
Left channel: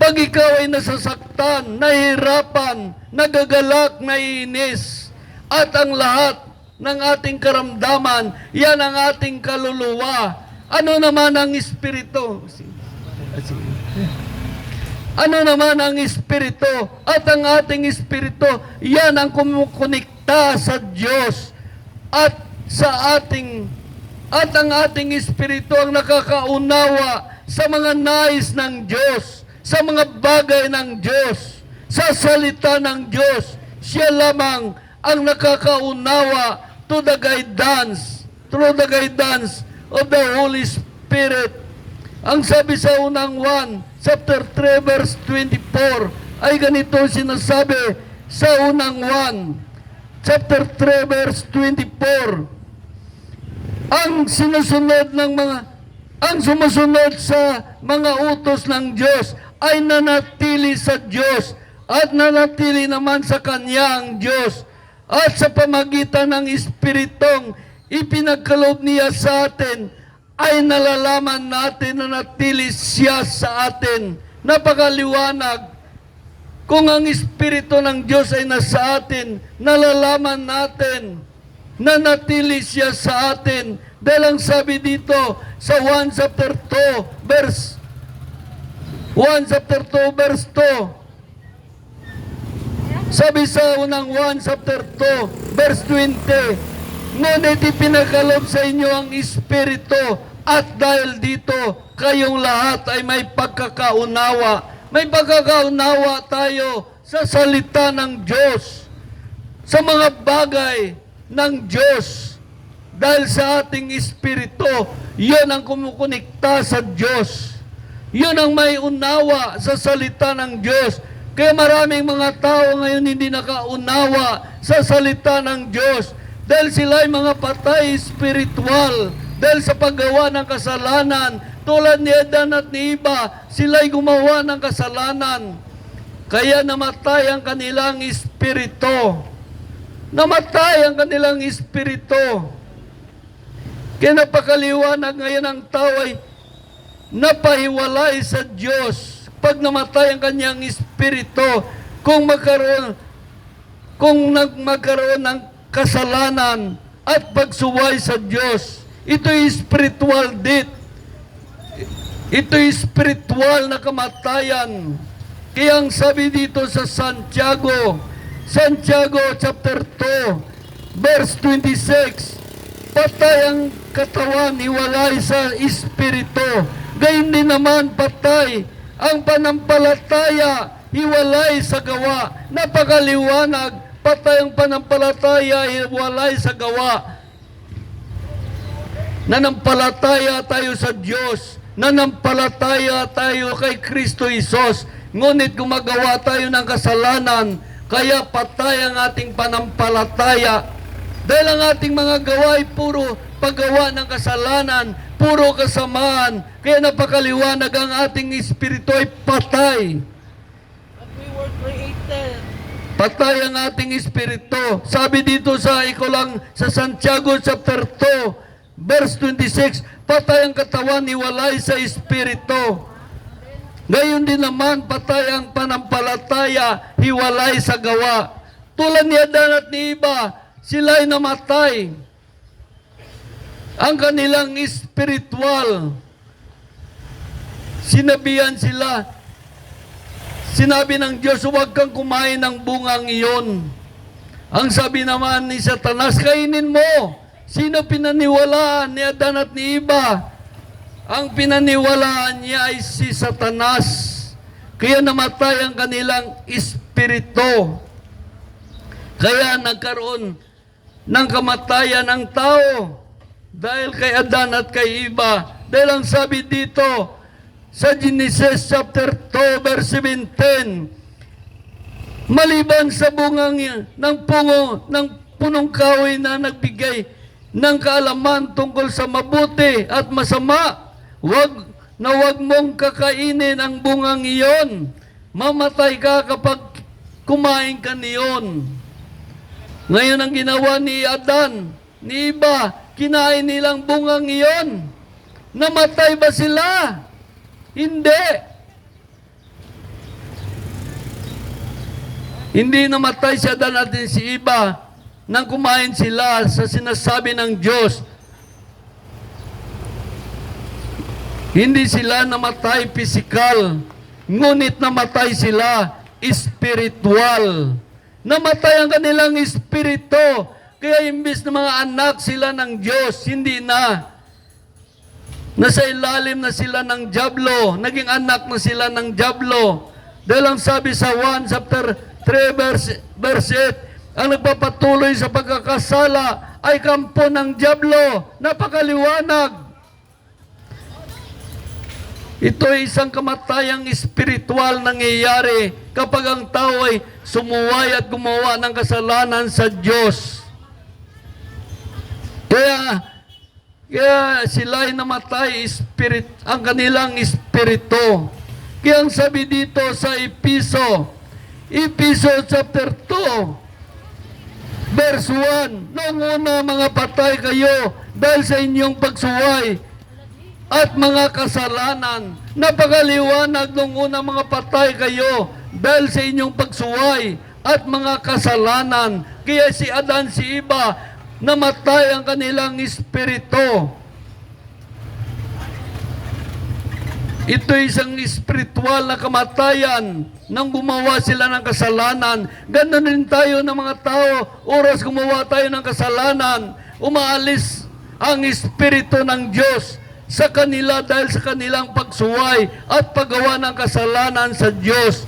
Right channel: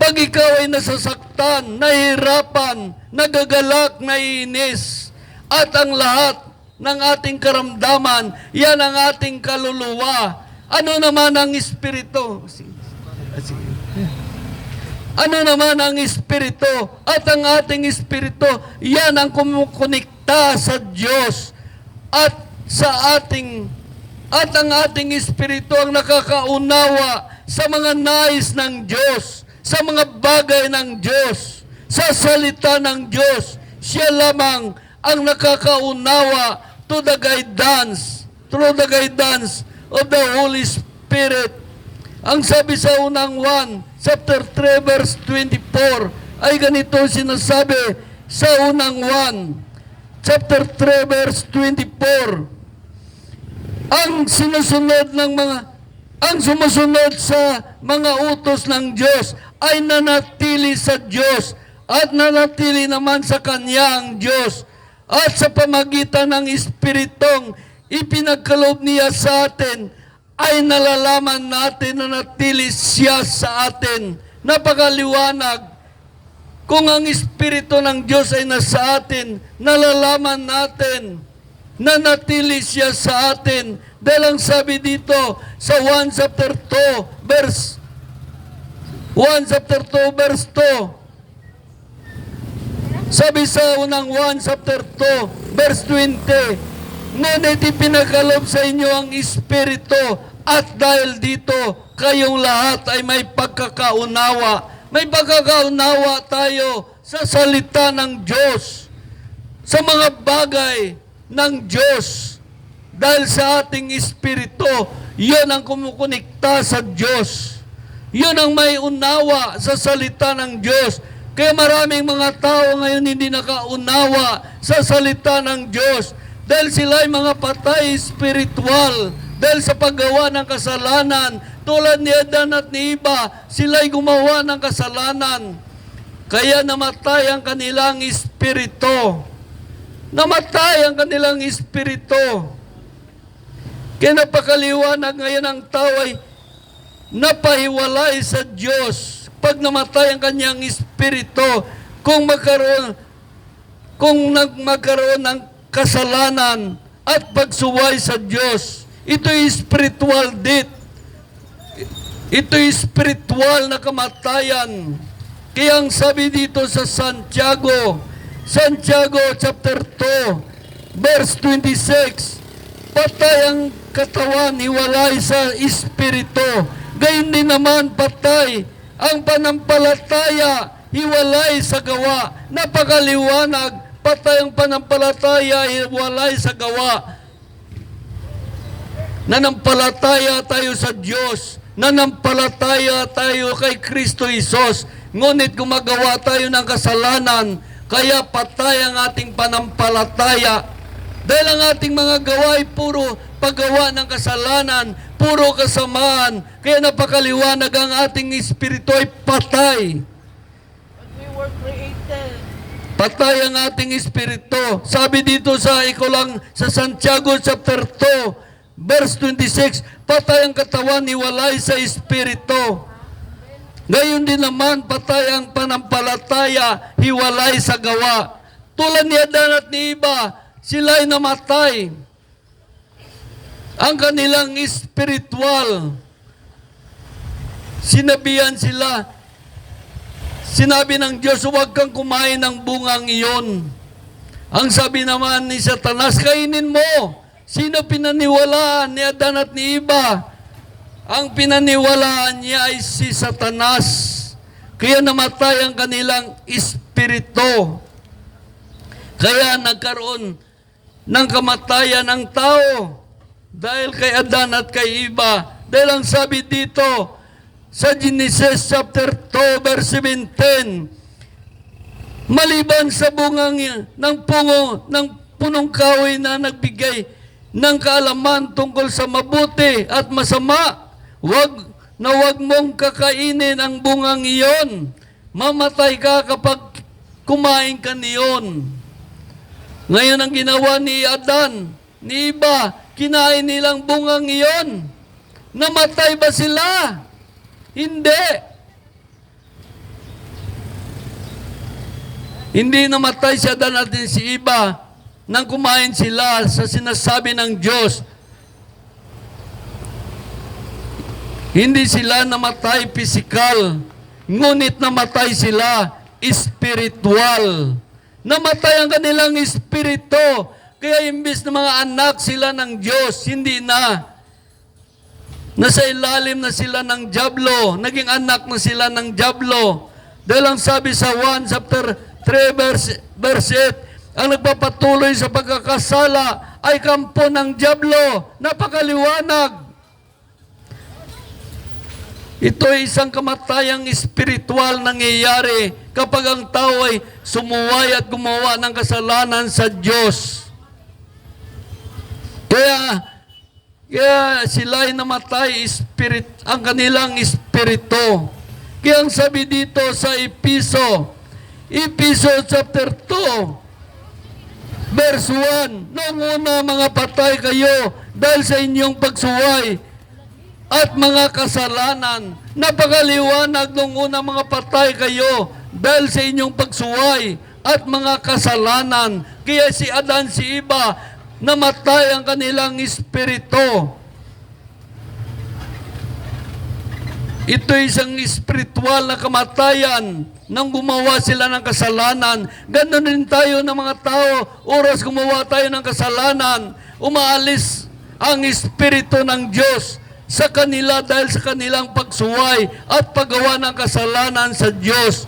Pag ikaw ay nasasaktan, nahihirapan, nagagalak, naiinis, at ang lahat ng ating karamdaman, yan ang ating kaluluwa. Ano naman ang Espiritu? Ano naman ang Espiritu? At ang ating Espiritu, yan ang kumukonekta sa Diyos at ang ating Espiritu ang nakakaunawa sa mga nais ng Diyos, sa mga bagay ng Diyos, sa salita ng Diyos. Siya lamang ang nakakaunawa through the guidance of the Holy Spirit. Ang sabi sa unang 1, chapter 3, verse 24, ay ganito sinasabi sa unang 1, chapter 3, verse 24. Ang sumusunod sa mga utos ng Diyos ay nanatili sa Diyos at nanatili naman sa Kanya ang Diyos. At sa pamagitan ng Espiritong ipinagkaloob niya sa atin, ay nalalaman natin na natili siya sa atin. Napakaliwanag. Kung ang Espiritu ng Diyos ay nasa atin, nalalaman natin na natili siya sa atin. Dahil ang sabi dito sa 1 chapter 2 verse 2, sabi sa unang 1 chapter 2 verse 20, ngunit ipinagkaloob sa inyo ang Espiritu, at dahil dito kayong lahat ay may pagkakaunawa. May pagkakaunawa tayo sa salita ng Diyos, sa mga bagay ng Diyos. Dahil sa ating Espiritu, yun ang kumukonekta sa Diyos. Yun ang may unawa sa salita ng Diyos. Kaya maraming mga tao ngayon hindi nakaunawa sa salita ng Diyos. Dahil sila ay mga patay espiritual. Dahil sa paggawa ng kasalanan, tulad ni Adan at ni Eva, sila'y gumawa ng kasalanan. Kaya namatay ang kanilang espiritu. Namatay ang kanilang espiritu. Kaya napakaliwanag ngayon ang tao ay napahiwalay sa Diyos. Pag namatay ang kanyang espiritu, kung magkaroon ng kasalanan at pagsuway sa Diyos, ito'y spiritual death. Ito'y spiritual na kamatayan. Kaya ang sabi dito sa Santiago chapter 2, verse 26, patay ang katawan, hiwalay sa espiritu. Gayon din naman patay ang panampalataya, hiwalay sa gawa. Napakaliwanag, patay ang panampalataya, hiwalay sa gawa. Nanampalataya tayo sa Diyos. Nanampalataya tayo kay Kristo Isos. Ngunit gumagawa tayo ng kasalanan, kaya patay ang ating panampalataya. Dahil ang ating mga gawa ay puro paggawa ng kasalanan, puro kasamaan. Kaya napakaliwanag, ang ating espiritu ay patay. We were created. Patay ang ating espiritu. Sabi dito sa sa Santiago chapter 2, verse 26, patay ang katawan, hiwalay sa espiritu. Gayon din naman, patay ang panampalataya, hiwalay sa gawa. Tulad ni Adan at ni Eva, sila'y namatay. Ang kanilang espiritual, sinabi ng Diyos, huwag kang kumain ng bungang iyon. Ang sabi naman ni Satanas, kainin mo. Sino pinaniwalaan ni Adan at ni Eva? Ang pinaniwalaan niya ay si Satanas. Kaya namatay ang kanilang espiritu. Kaya nagkaroon ng kamatayan ng tao dahil kay Adan at kay Eva. Dahil ang sabi dito sa Genesis chapter 2 verse 17, maliban sa bungang ng punong kahoy na nagbigay ng kaalaman tungkol sa mabuti at masama, wag mong kakainin ang bungang iyon. Mamatay ka kapag kumain ka niyon. Ngayon ang ginawa ni Adan, ni Eva, kinain nilang bungang iyon. Namatay ba sila? Hindi. Hindi namatay si Adan at si Eva nang kumain sila sa sinasabi ng Diyos. Hindi sila namatay pisikal, ngunit namatay sila espiritual. Namatay ang kanilang espiritu, kaya imbis na mga anak sila ng Diyos, hindi na. Nasa ilalim na sila ng dyablo, naging anak na sila ng dyablo. Dahil ang sabi sa 1 chapter 3 verse 8, ang nagpapatuloy sa pagkakasala ay kampo ng dyablo. Napakaliwanag. Ito ay isang kamatayang espiritual nangyayari kapag ang tao ay sumuway at gumawa ng kasalanan sa Diyos. Kaya sila ay namatay ang kanilang espiritu. Kaya ang sabi dito sa Efeso chapter 2, verse verse 1, noong una mga patay kayo dahil sa inyong pagsuway at mga kasalanan. Napakaliwanag noong una mga patay kayo dahil sa inyong pagsuway at mga kasalanan. Kaya si Adan, si Eva, namatay ang kanilang espiritu. Ito isang espiritual na kamatayan nang gumawa sila ng kasalanan. Ganon rin tayo ng mga tao, oras gumawa tayo ng kasalanan, umaalis ang espiritu ng Diyos sa kanila dahil sa kanilang pagsuway at paggawa ng kasalanan sa Diyos.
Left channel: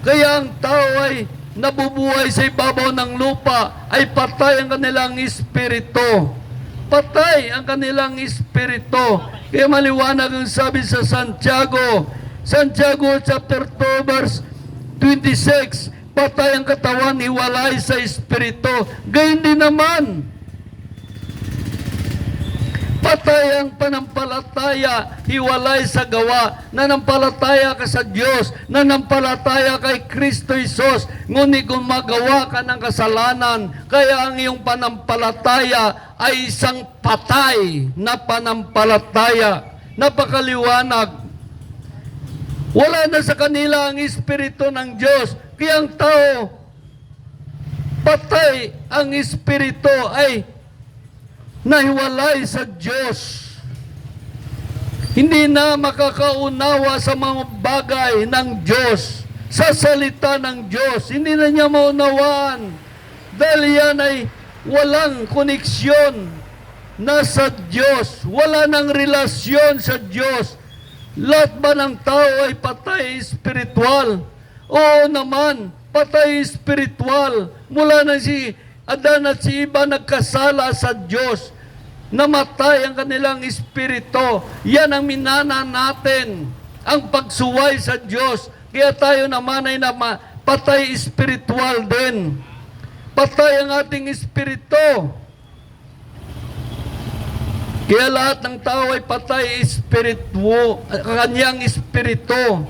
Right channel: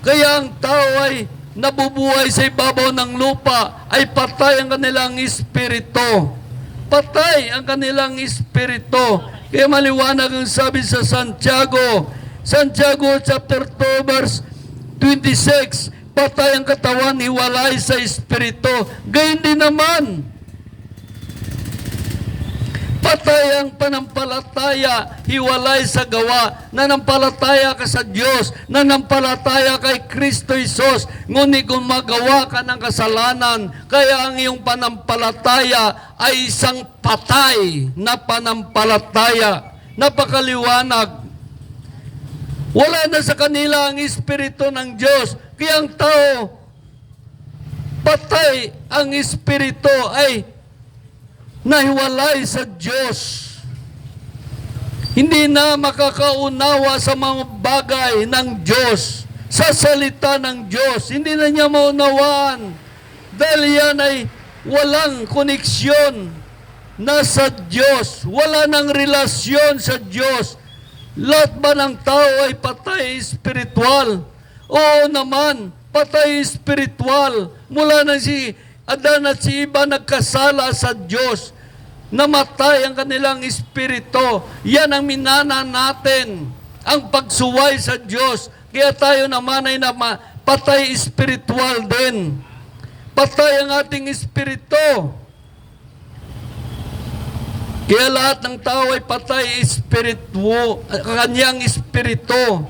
Kaya ang tao ay nabubuhay sa ibabaw ng lupa, ay patay ang kanilang espiritu. Patay ang kanilang espiritu. Kaya maliwanag ang sabi sa Santiago chapter 2 verse 26, patay ang katawan, hiwalay sa espiritu. Gayon din naman, patay ang panampalataya, hiwalay sa gawa. Nanampalataya ka sa Diyos, nanampalataya kay Kristo Jesus, ngunit gumagawa ka ng kasalanan, kaya ang iyong panampalataya ay isang patay na panampalataya. Napakaliwanag. Wala na sa kanila ang espiritu ng Diyos. Kaya ang tao, patay ang espiritu ay nahiwalay sa Diyos. Hindi na makakaunawa sa mga bagay ng Diyos, sa salita ng Diyos. Hindi na niya maunawaan dahil yan ay walang koneksyon na sa Diyos. Wala nang relasyon sa Diyos. Lahat ba ng tao ay patay espiritual? Oo naman, patay espiritual. Mula na si Adan at si Eva nagkasala sa Diyos, namatay ang kanilang espiritu. Yan ang minana natin, ang pagsuway sa Diyos. Kaya tayo naman ay patay espiritual din. Patay ang ating espiritu. Kaya lahat ng tao ay patay espiritu, kanyang espiritu.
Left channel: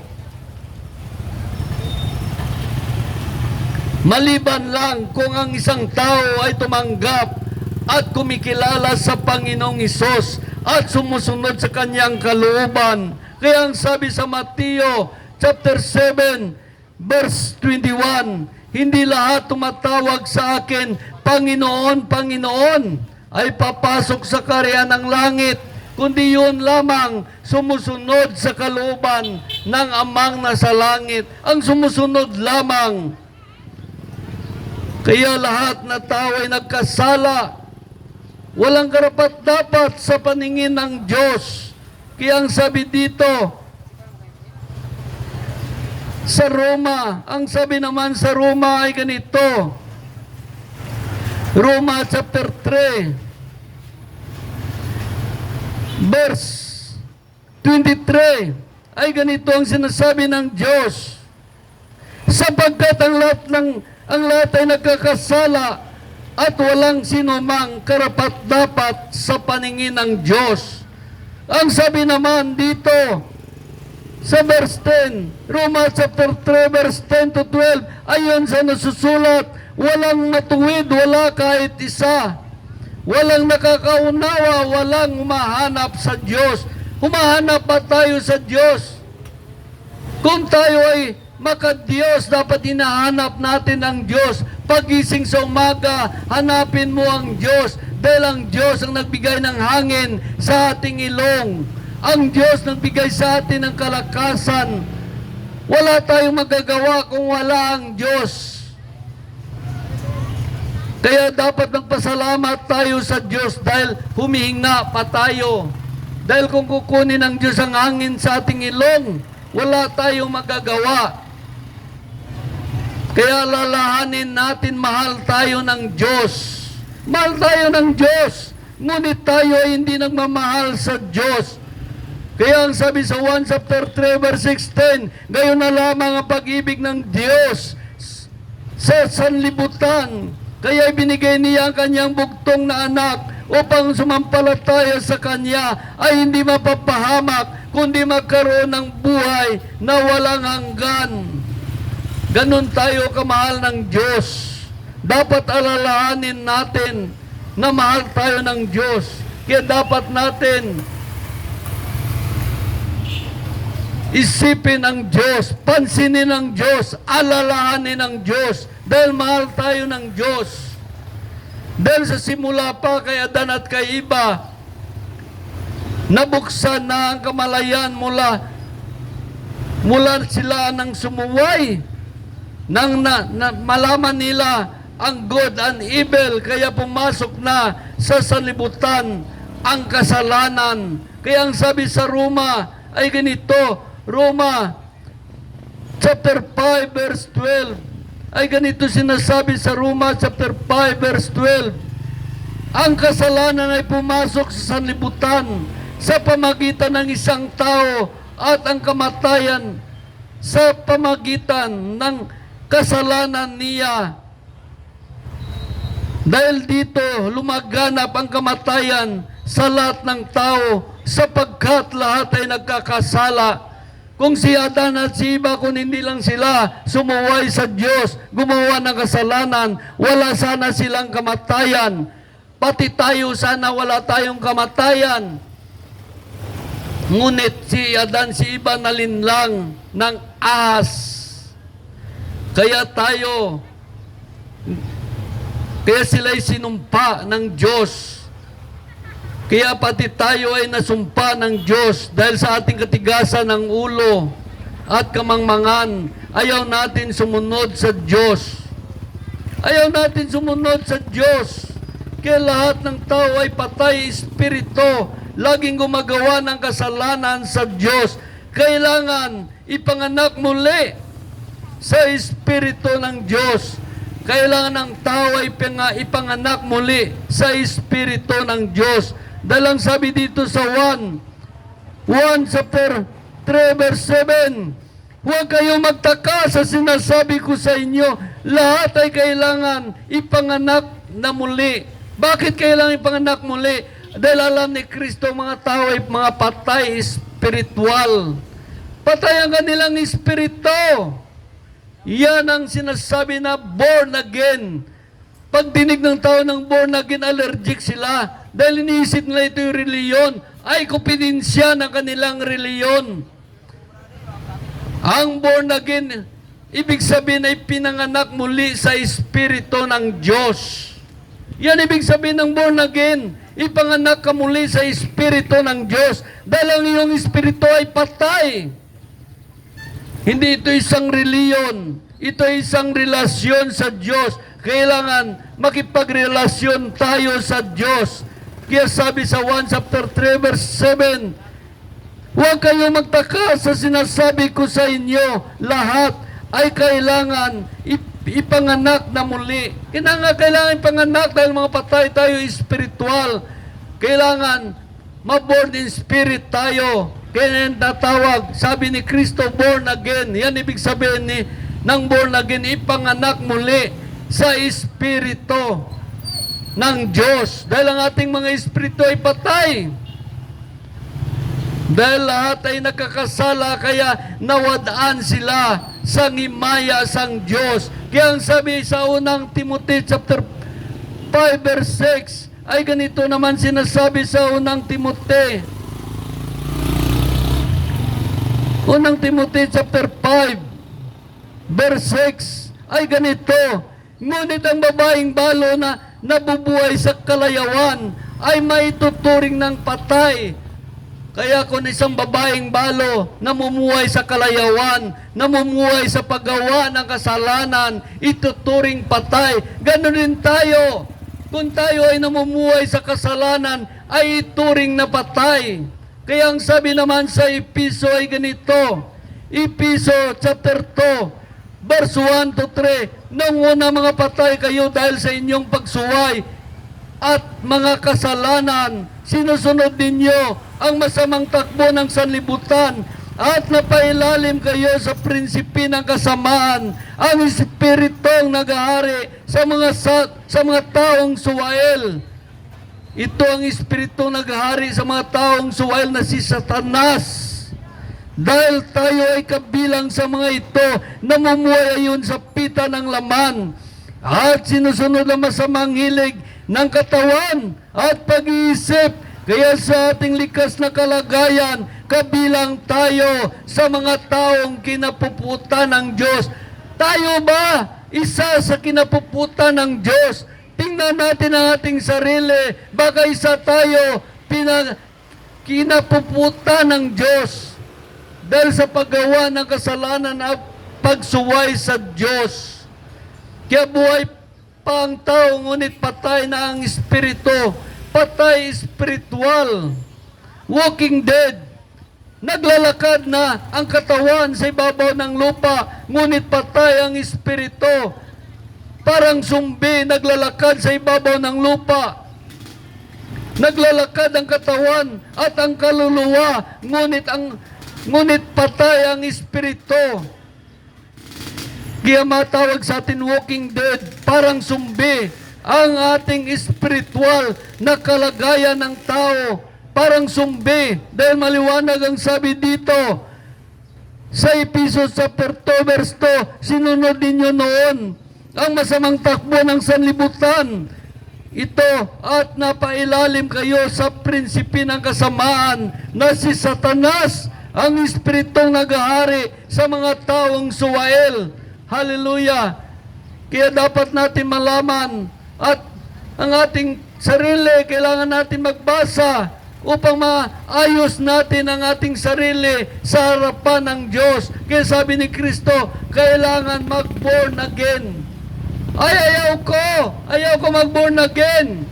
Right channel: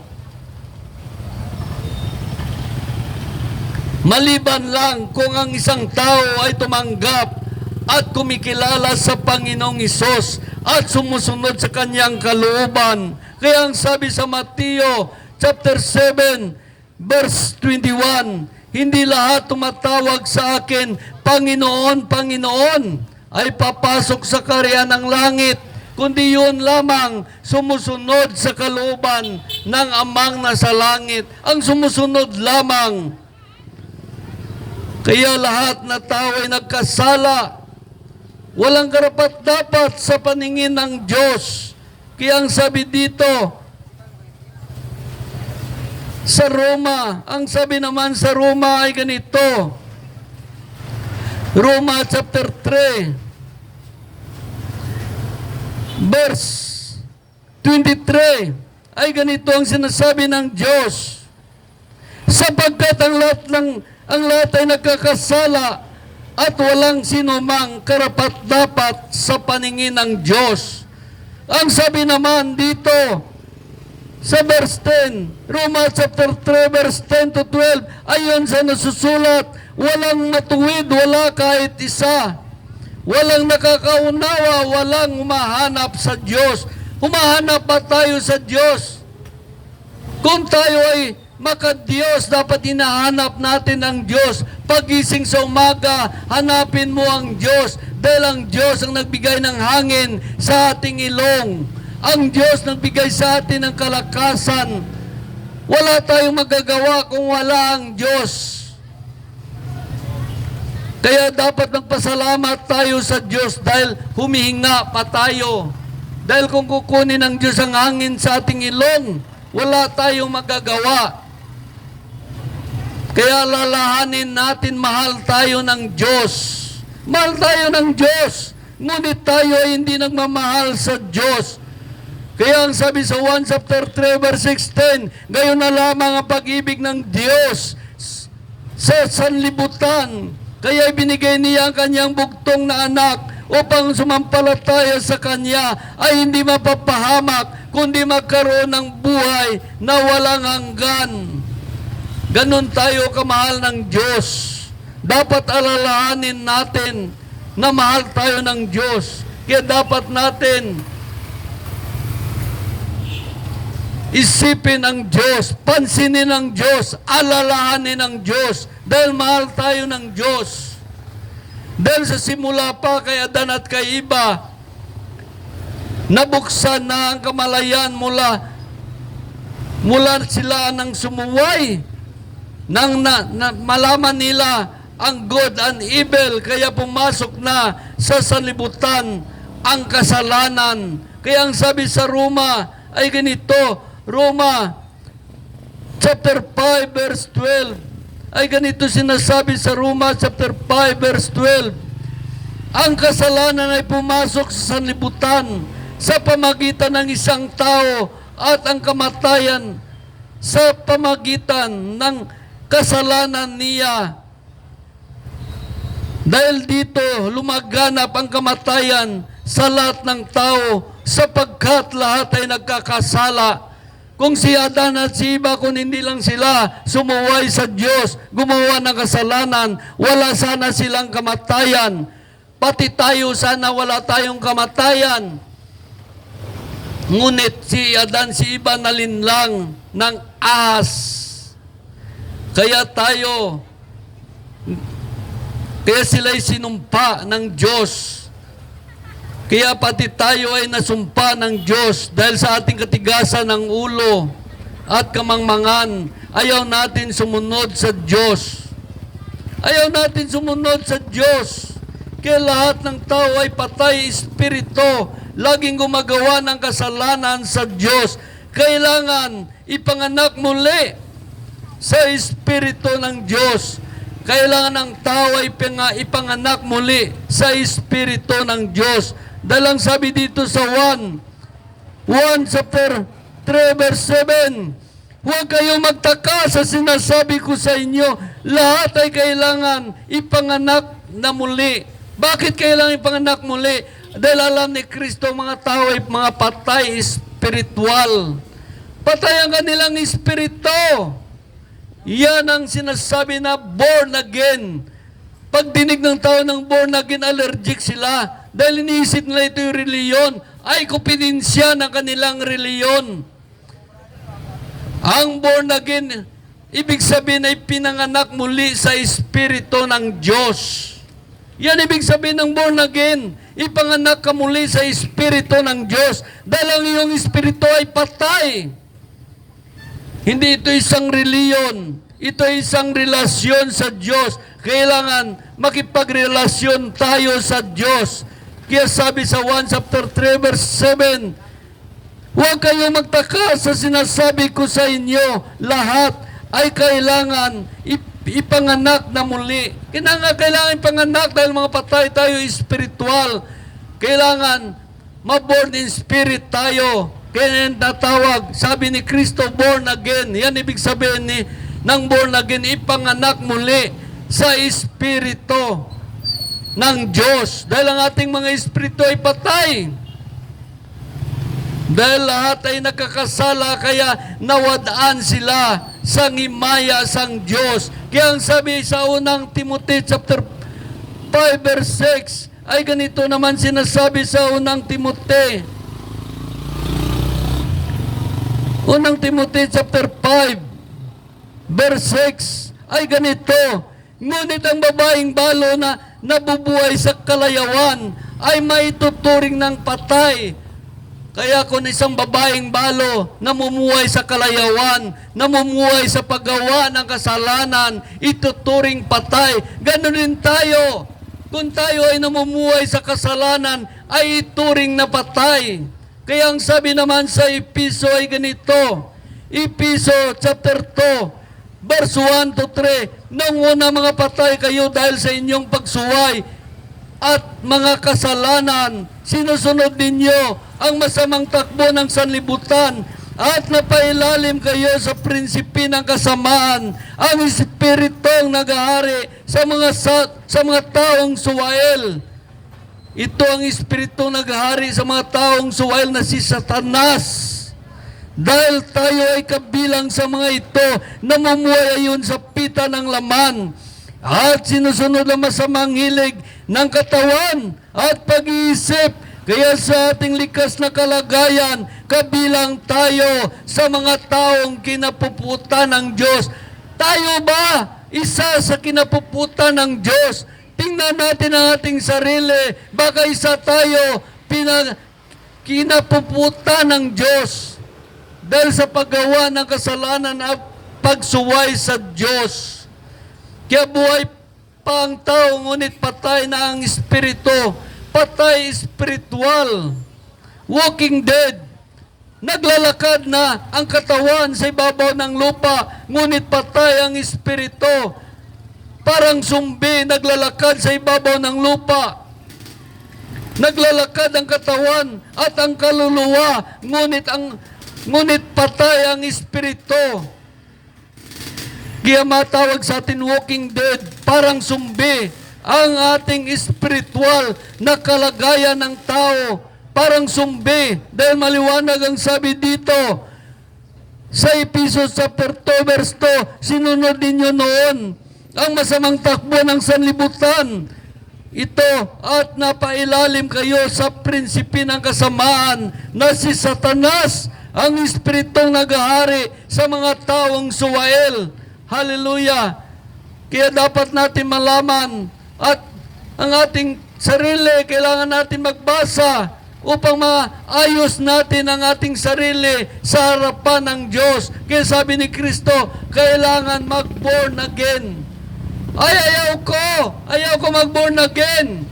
Maliban lang kung ang isang tao ay tumanggap at kumikilala sa Panginoong Hesus at sumusunod sa kanyang kalooban. Kaya ang sabi sa Mateo chapter 7 verse 21, hindi lahat tumatawag sa akin, Panginoon, Panginoon, ay papasok sa kaharian ng langit, kundi yun lamang sumusunod sa kalooban ng Amang nasa langit. Ang sumusunod lamang. Kaya lahat na tao ay nagkasala, walang karapat-dapat sa paningin ng Diyos. Kaya ang sabi dito sa Roma, ang sabi naman sa Roma ay ganito, Roma chapter 3 verse 23, ay ganito ang sinasabi ng Diyos, sapagkat ang lahat ay nagkakasala at walang sinumang karapat-dapat sa paningin ng Diyos. Ang sabi naman dito sa verse 10, Roma chapter 3 verse 10 to 12, ayon sa nasusulat, walang matuwid, wala kahit isa. Walang nakakaunawa, walang humahanap sa Diyos. Humahanap ba tayo sa Diyos? Kung tayo ay maka-Diyos, dapat hinahanap natin ang Diyos. Pagising sa umaga, hanapin mo ang Diyos. Dahil ang Diyos ang nagbigay ng hangin sa ating ilong. Ang Diyos nagbigay sa atin ng kalakasan. Wala tayong magagawa kung wala ang Diyos. Kaya dapat magpasalamat tayo sa Diyos dahil humihinga pa tayo. Dahil kung kukunin ng Diyos ang hangin sa ating ilong, wala tayong magagawa. Kaya lalahanin natin, mahal tayo ng Diyos. Mahal tayo ng Diyos. Ngunit tayo ay hindi nagmamahal sa Diyos. Kaya ang sabi sa 1 chapter 3 verse 16, gayon na lamang ang pag-ibig ng Diyos sa sanlibutan. Kaya ibinigay niya ang kanyang bugtong na anak upang sumampalataya sa kanya ay hindi mapapahamak, kundi magkaroon ng buhay na walang hanggan. Ganon tayo kamahal ng Diyos. dapat alalahanin natin na mahal tayo ng Diyos. Kaya dapat natin isipin ang Diyos, pansinin ang Diyos, alalahanin ang Diyos, dahil mahal tayo ng Diyos. Dahil sa simula pa kay Adan at kay Eva, nabuksan na ang kamalayan mula sila nang sumuway, nang malaman nila ang good and evil, kaya pumasok na sa sanlibutan ang kasalanan. Kaya ang sabi sa Roma ay ganito, Roma chapter 5 verse 12, ay ganito sinasabi sa Roma chapter 5 verse 12, ang kasalanan ay pumasok sa sanlibutan sa pamagitan ng isang tao, at ang kamatayan sa pamagitan ng kasalanan niya. Dahil dito lumaganap ang kamatayan sa lahat ng tao, sapagkat lahat ay nagkakasala. Kung si Adan at si Eva, kung hindi lang sila sumuway sa Diyos, gumawa ng kasalanan, wala sana silang kamatayan. Pati tayo sana wala tayong kamatayan. Ngunit si Adan, si Eva nalinlang ng ahas. Kaya sila'y sinumpa ng Diyos. Kaya pati tayo ay nasumpa ng Diyos dahil sa ating katigasan ng ulo at kamangmangan. Ayaw natin sumunod sa Diyos. Ayaw natin sumunod sa Diyos. Kaya lahat ng tao ay patay espiritu, laging gumagawa ng kasalanan sa Diyos. Kailangan ipanganak muli sa espiritu ng Diyos. Kailangan ng tao ay ipanganak muli sa espiritu ng Diyos. Dahil ang sabi dito sa 1 chapter 3 verse 7, huwag kayong magtaka sa sinasabi ko sa inyo, lahat ay kailangan ipanganak na muli. Bakit kailangan ipanganak muli? Dahil alam ni Kristo mga tao ay mga patay espiritual. Patay ang kanilang espiritu. Yan ang sinasabi na born again. Pag dinig ng tao ng born again, allergic sila. Dahil iniisip nila ito yung reliyon, ay kupidensya ng kanilang reliyon. Ang born again, ibig sabihin ay pinanganak muli sa espiritu ng Diyos. Yan ibig sabihin ng born again. Ipanganak ka muli sa espiritu ng Diyos. Dahil ang iyong espiritu ay patay. Hindi ito isang reliyon. Ito ay isang relasyon sa Diyos. Kailangan makipagrelasyon tayo sa Diyos. Kaya sabi sa 1 chapter 3 verse 7, huwag kayong magtaka sa sinasabi ko sa inyo, lahat ay kailangan ipanganak na muli. Kailangan ipanganak dahil mga patay tayo espiritual. Kailangan maborn in spirit tayo. Kaya natawag, sabi ni Kristo, born again. Yan ibig sabihin ng born again, ipanganak muli sa espiritu ng Diyos. Dahil ang ating mga espiritu ay patay. Dahil lahat ay nakakasala, kaya nawadaan sila sa himaya sang Diyos. Kaya ang sabi sa unang Timothy chapter 5 verse 6, ay ganito naman sinasabi sa unang Timothy. Unang Timothy chapter 5 verse 6, ay ganito, ngunit ang babaeng balo na nabubuhay sa kalayawan ay maituturing ng patay. Kaya kung isang babaeng balo namumuhay sa kalayawan, namumuhay sa paggawa ng kasalanan, ituturing patay. Ganon din tayo. Kung tayo ay namumuhay sa kasalanan, ay ituring na patay. Kaya ang sabi naman sa Episo ay ganito, Episo chapter 2, verse 1 to 3, nang una mga patay kayo dahil sa inyong pagsuway at mga kasalanan, sinusunod ninyo ang masamang takbo ng sanlibutan at napailalim kayo sa prinsipi ng kasamaan, ang espiritong naghahari sa mga taong suwael. Ito ang espiritu naghahari sa mga taong suwael na si Satanas. Dahil tayo ay kabilang sa mga ito, namumuhay ayon sa pita ng laman. at sinusunod ang masamang hilig ng katawan at pag-iisip. Kaya sa ating likas na kalagayan, kabilang tayo sa mga taong kinapuputan ng Diyos. Tayo ba isa sa kinapuputan ng Diyos? Tingnan natin ang ating sarili. Baka isa tayo kinapuputan ng Diyos dahil sa paggawa ng kasalanan at pagsuway sa Diyos. Kaya buhay pa ang tao, ngunit patay na ang espiritu. Patay spiritual. Walking dead. Naglalakad na ang katawan sa ibabaw ng lupa, ngunit patay ang espiritu. Parang sumbi, naglalakad sa ibabaw ng lupa. Naglalakad ang katawan at ang kaluluwa, ngunit patay ang espiritu. Kaya matawag sa atin walking dead, parang sumbi ang ating espiritual na kalagayan ng tao. Parang sumbi, dahil maliwanag ang sabi dito sa Ephesians chapter 2 verse 2, sinunod ninyo noon ang masamang takbo ng sanlibutan ito at napailalim kayo sa prinsipi ng kasamaan na si Satanas, ang espiritong nagahari sa mga taong suwael. Hallelujah! Kaya dapat natin malaman at ang ating sarili, kailangan natin magbasa upang maayos natin ang ating sarili sa harapan ng Diyos. Kaya sabi ni Kristo, kailangan mag-born again. Ayaw ko mag-born again.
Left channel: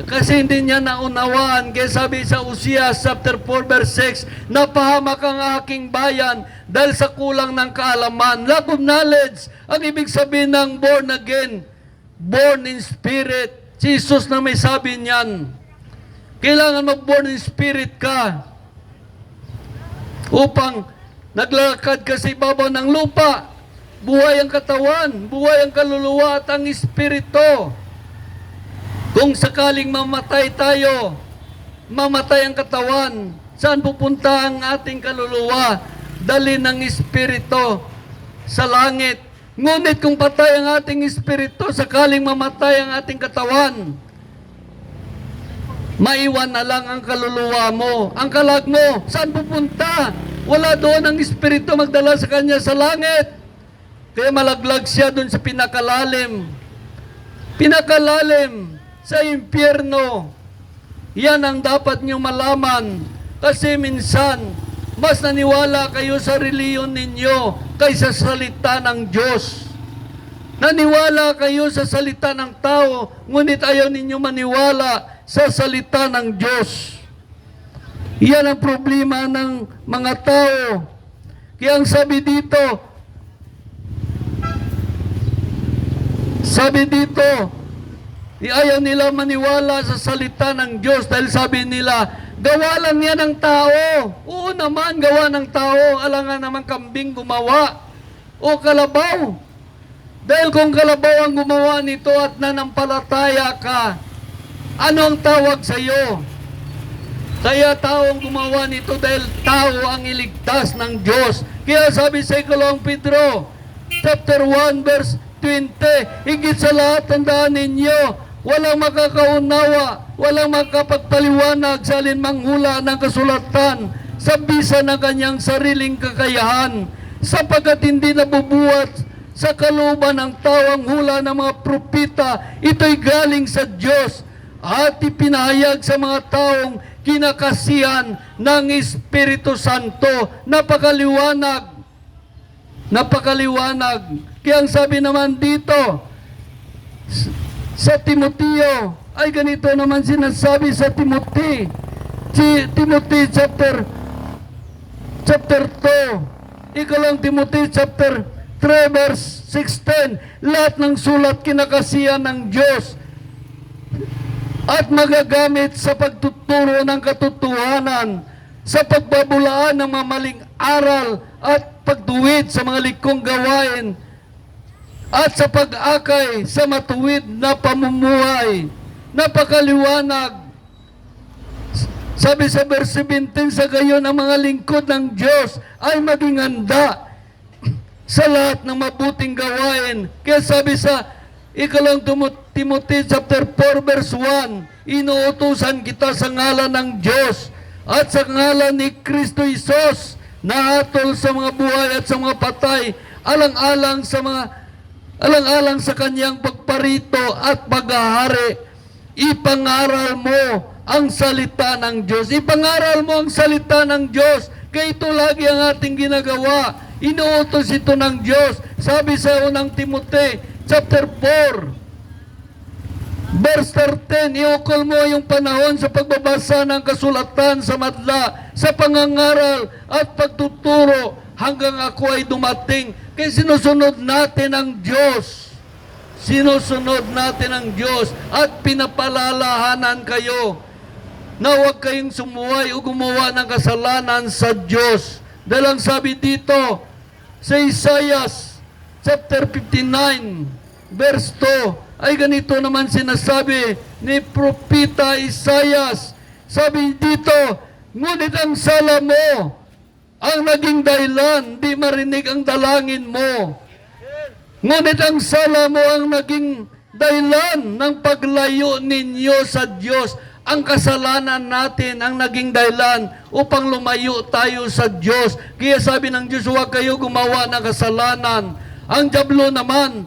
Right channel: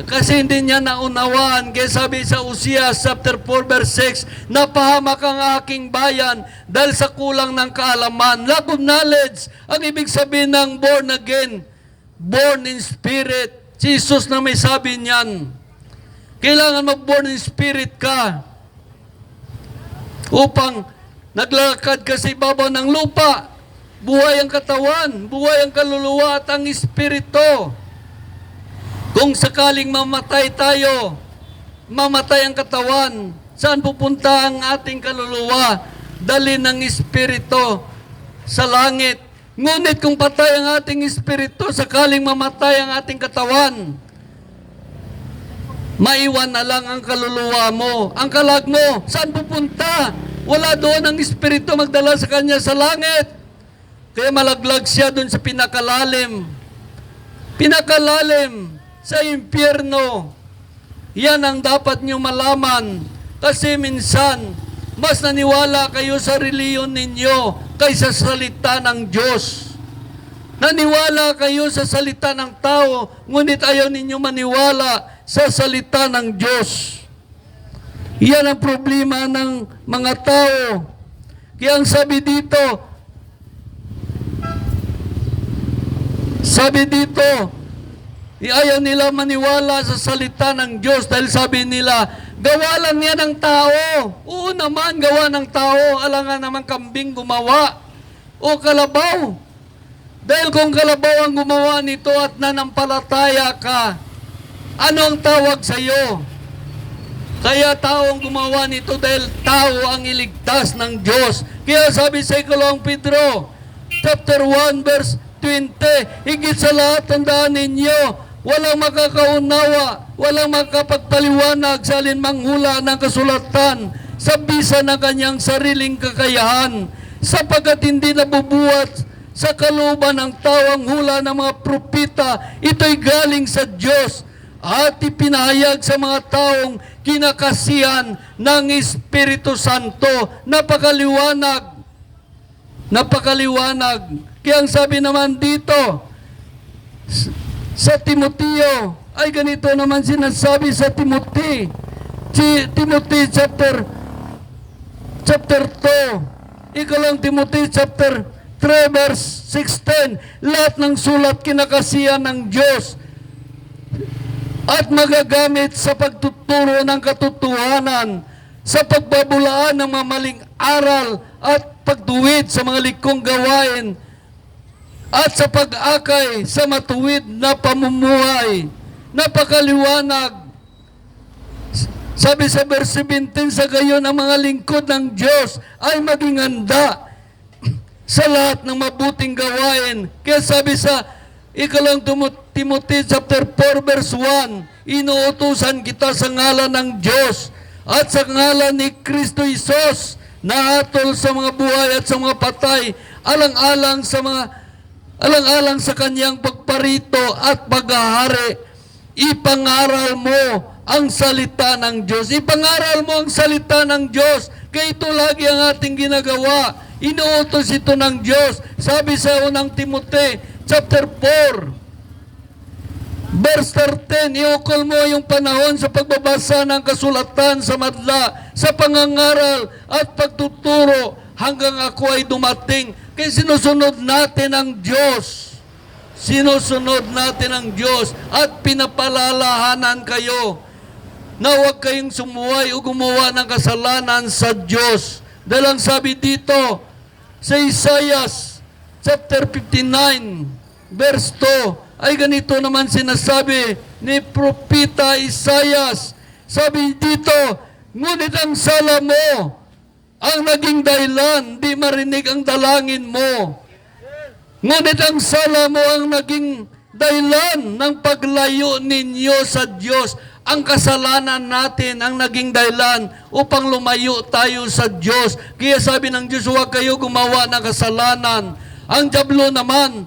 Kasi hindi niya naunawaan. Kaya sabi sa Uzias chapter 4 verse 6, napahamak ang aking bayan dahil sa kulang ng kaalaman. Lack of knowledge. Ang ibig sabihin ng born again, born in spirit. Si Jesus na may sabi niyan. Kailangan mag-born in spirit ka upang naglalakad ka sa ibabaw ng lupa. Buhay ang katawan, buhay ang kaluluwa at ang espiritu. Kung sakaling mamatay tayo, mamatay ang katawan, saan pupunta ang ating kaluluwa? Dali ng espiritu sa langit. Ngunit kung patay ang ating espiritu, sakaling mamatay ang ating katawan, maiwan na lang ang kaluluwa mo. Ang kalag mo, saan pupunta? Wala doon ang espiritu magdala sa kanya sa langit. Kaya malaglag siya doon sa pinakalalim. Pinakalalim sa impyerno. Yan ang dapat niyo malaman. Kasi minsan, mas naniwala kayo sa reliyon ninyo kaysa sa salita ng Diyos. Naniwala kayo sa salita ng tao, ngunit ayaw ninyo maniwala sa salita ng Diyos. Yan ang problema ng mga tao. Kaya ang sabi dito, ayaw nila maniwala sa salita ng Diyos dahil sabi nila, gawa lang yan ng tao. Oo naman, gawa ng tao. Alangan naman kambing gumawa. O kalabaw. Dahil kung kalabaw ang gumawa nito at nanampalataya ka, ano ang tawag sa iyo? Kaya tao ang gumawa nito dahil tao ang iligtas ng Diyos. Kaya sabi sa Ikalawang Pedro, chapter 1 verse 20, higit sa lahat tandaan ninyo, walang makakaunawa, walang makapagpaliwanag sa alinmang hula ng kasulatan sa bisa ng kanyang sariling kakayahan, sapagkat hindi nabubuhat sa kalooban ng tao ang hula ng mga propita. Ito'y galing sa Diyos at ipinahayag sa mga taong kinakasihan ng Espiritu Santo. Napakaliwanag. Kaya ang sabi naman dito sa Timoteo, ay ganito naman sinasabi sa Timothy chapter 2, Ikalang Timothy chapter 3 verse 16, lahat ng sulat kinakasihan ng Diyos at magagamit sa pagtuturo ng katotohanan, sa pagbabulaan ng mga maling aral at pagduwid sa mga likong gawain, at sa pag-akay sa matuwid na pamumuhay. Napakaliwanag. Sabi sa verse 17, sa gayon ang mga lingkod ng Diyos ay maging handa sa lahat ng mabuting gawain. Kaya sabi sa Ikalang Timothy chapter 4 verse 1, inuutusan kita sa ngalan ng Diyos at sa ngalan ni Kristo Isos na hatol sa mga buhay at sa mga patay, alang-alang sa kanyang pagparito at paghahari. Ipangaral mo ang salita ng Diyos. Ipangaral mo ang salita ng Diyos. Kaya ito lagi ang ating ginagawa. Inuutos ito ng Diyos. Sabi sa unang Timothy chapter 4 verse 13, iukol mo yung panahon sa pagbabasa ng kasulatan sa madla, sa pangangaral at pagtuturo hanggang ako ay dumating. Kaya sinusunod natin ang Diyos. Sinusunod natin ang Diyos at pinapalalahanan kayo na huwag kayong sumuway o gumawa ng kasalanan sa Diyos. Dahil ang sabi dito sa Isaiah chapter 59 verse 2, ay ganito naman sinasabi ni Propeta Isaiah. Sabi dito, ngunit ang sala mo ang naging dahilan, di marinig ang dalangin mo. Ngunit ang sala mo ang naging dahilan ng paglayo ninyo sa Diyos. Ang kasalanan natin ang naging dahilan upang lumayo tayo sa Diyos. Kaya sabi ng Diyos, huwag kayo gumawa ng kasalanan. Ang dyablo naman,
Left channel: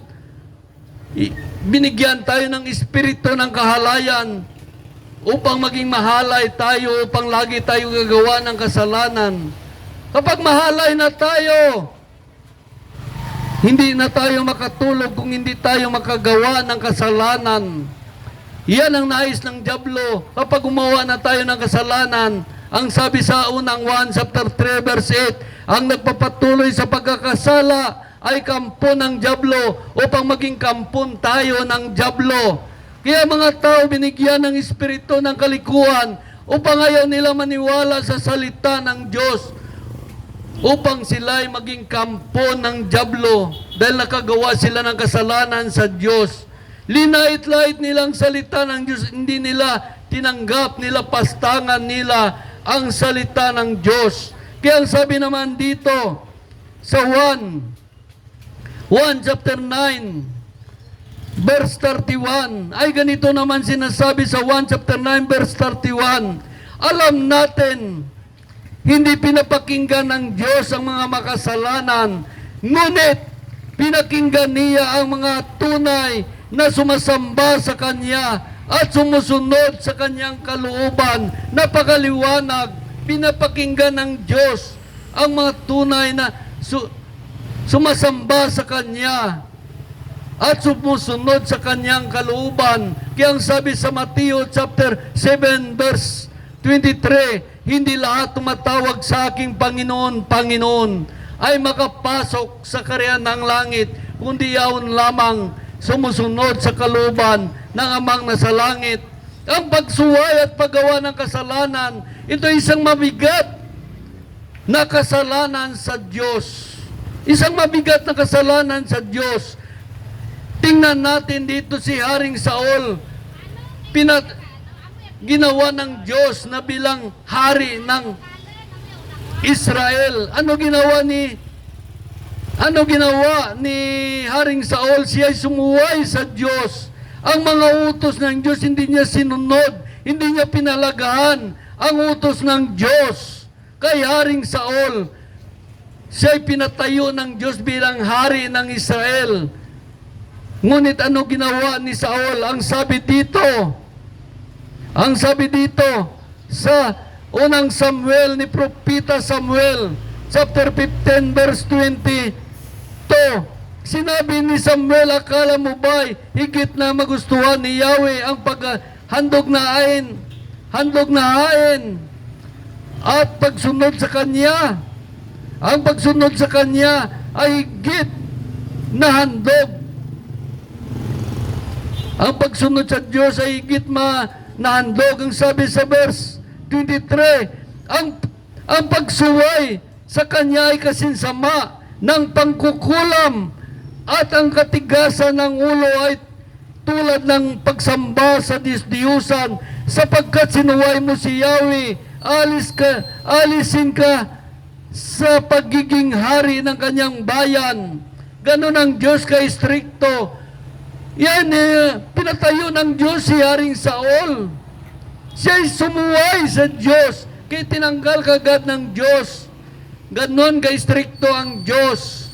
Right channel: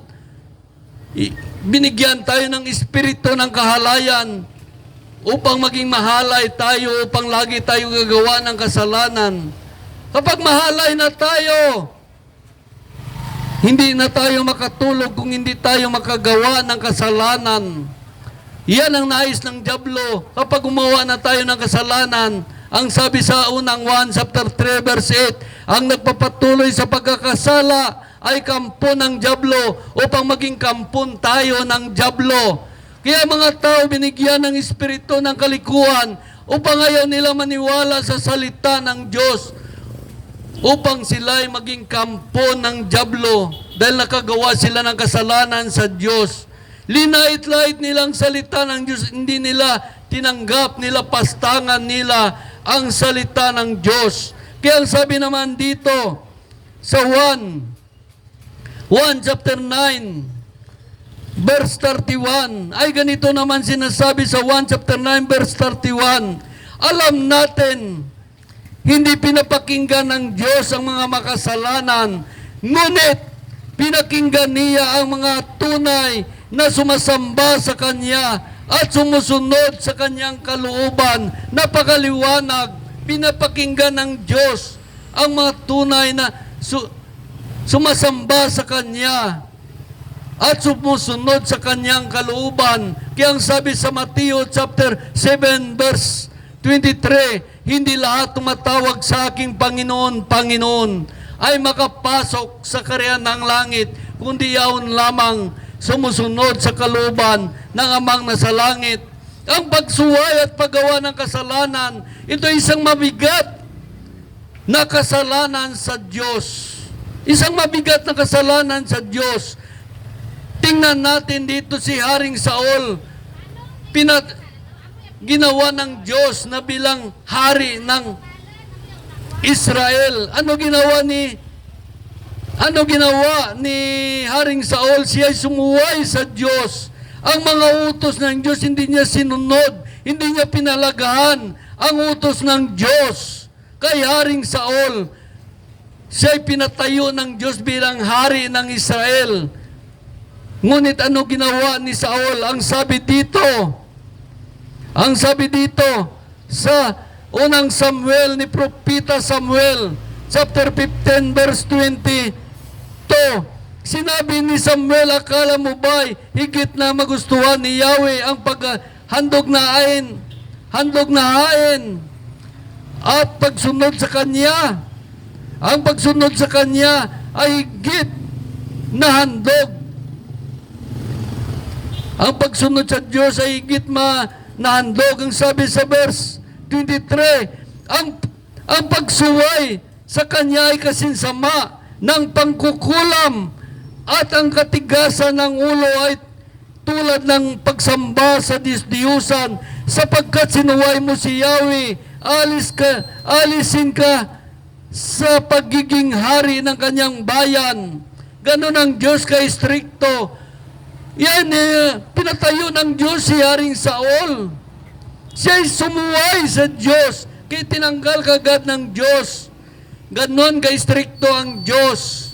binigyan tayo ng espiritu ng kahalayan upang maging mahalay tayo, upang lagi tayo gagawa ng kasalanan. Kapag mahalay na tayo, hindi na tayo makatulog kung hindi tayo makagawa ng kasalanan. Yan ang nais ng dyablo. Kapag gumawa na tayo ng kasalanan, ang sabi sa unang 1 chapter 3 verse 8, ang nagpapatuloy sa pagkakasala ay kampo ng dyablo upang maging kampon tayo ng dyablo. Kaya mga tao binigyan ng espiritu ng kalikuan upang ayaw nila maniwala sa salita ng Diyos, upang sila ay maging kampo ng dyablo dahil nakagawa sila ng kasalanan sa Diyos. Linait-lait nilang salita ng Diyos, hindi nila tinanggap, nila pastangan nila ang salita ng Diyos. Kaya ang sabi naman dito sa 1 chapter 9 verse 31, ay ganito naman sinasabi sa 1 chapter 9 verse 31, alam natin, hindi pinapakinggan ng Diyos ang mga makasalanan, ngunit pinakinggan niya ang mga tunay na sumasamba sa Kanya at sumusunod sa Kanyang kalooban. Napakaliwanag, pinapakinggan ng Diyos ang mga tunay na sumasamba sa Kanya at sumusunod sa Kanyang kalooban. Kaya ang sabi sa Mateo chapter 7 verse 23, hindi lahat tumatawag sa aking Panginoon, Panginoon ay makapasok sa kaharian ng langit, kundi yaon lamang sumusunod sa kalooban ng Amang nasa langit. Ang pagsuway at paggawa ng kasalanan, ito isang mabigat na kasalanan sa Diyos. Isang mabigat na kasalanan sa Diyos. Tingnan natin dito si Haring Saul. Ginawa ng Diyos na bilang hari ng Israel. Ano ginawa ni Haring Saul? Siya ay sumuway sa Diyos. Ang mga utos ng Diyos hindi niya sinunod, hindi niya pinalagahan ang utos ng Diyos. Kay Haring Saul, siya ay pinatayo ng Diyos bilang hari ng Israel. Ngunit ano ginawa ni Saul? Ang sabi dito sa unang Samuel ni Propeta Samuel, chapter 15 verse 22, sinabi ni Samuel, akala mo ba'y higit na magustuhan ni Yahweh ang handog na hain at pagsunod sa Kanya? Ang pagsunod sa Kanya ay higit na handog. Ang pagsunod sa Diyos ay higit na handog. Ang sabi sa verse 23, ang pagsuway sa Kanya ay kasinsama ng pangkukulam at ang katigasan ng ulo ay tulad ng pagsamba sa disdiyusan, sapagkat sinuway mo si Yahweh, alisin ka sa pagiging hari ng Kanyang bayan. Ganon ang Diyos ka-istrikto. Yan, pinatayo ng Diyos si Haring Saul. Siya'y sumuway sa Diyos, kaya tinanggal kagad ng Diyos. Ganon ka-stricto ang Diyos.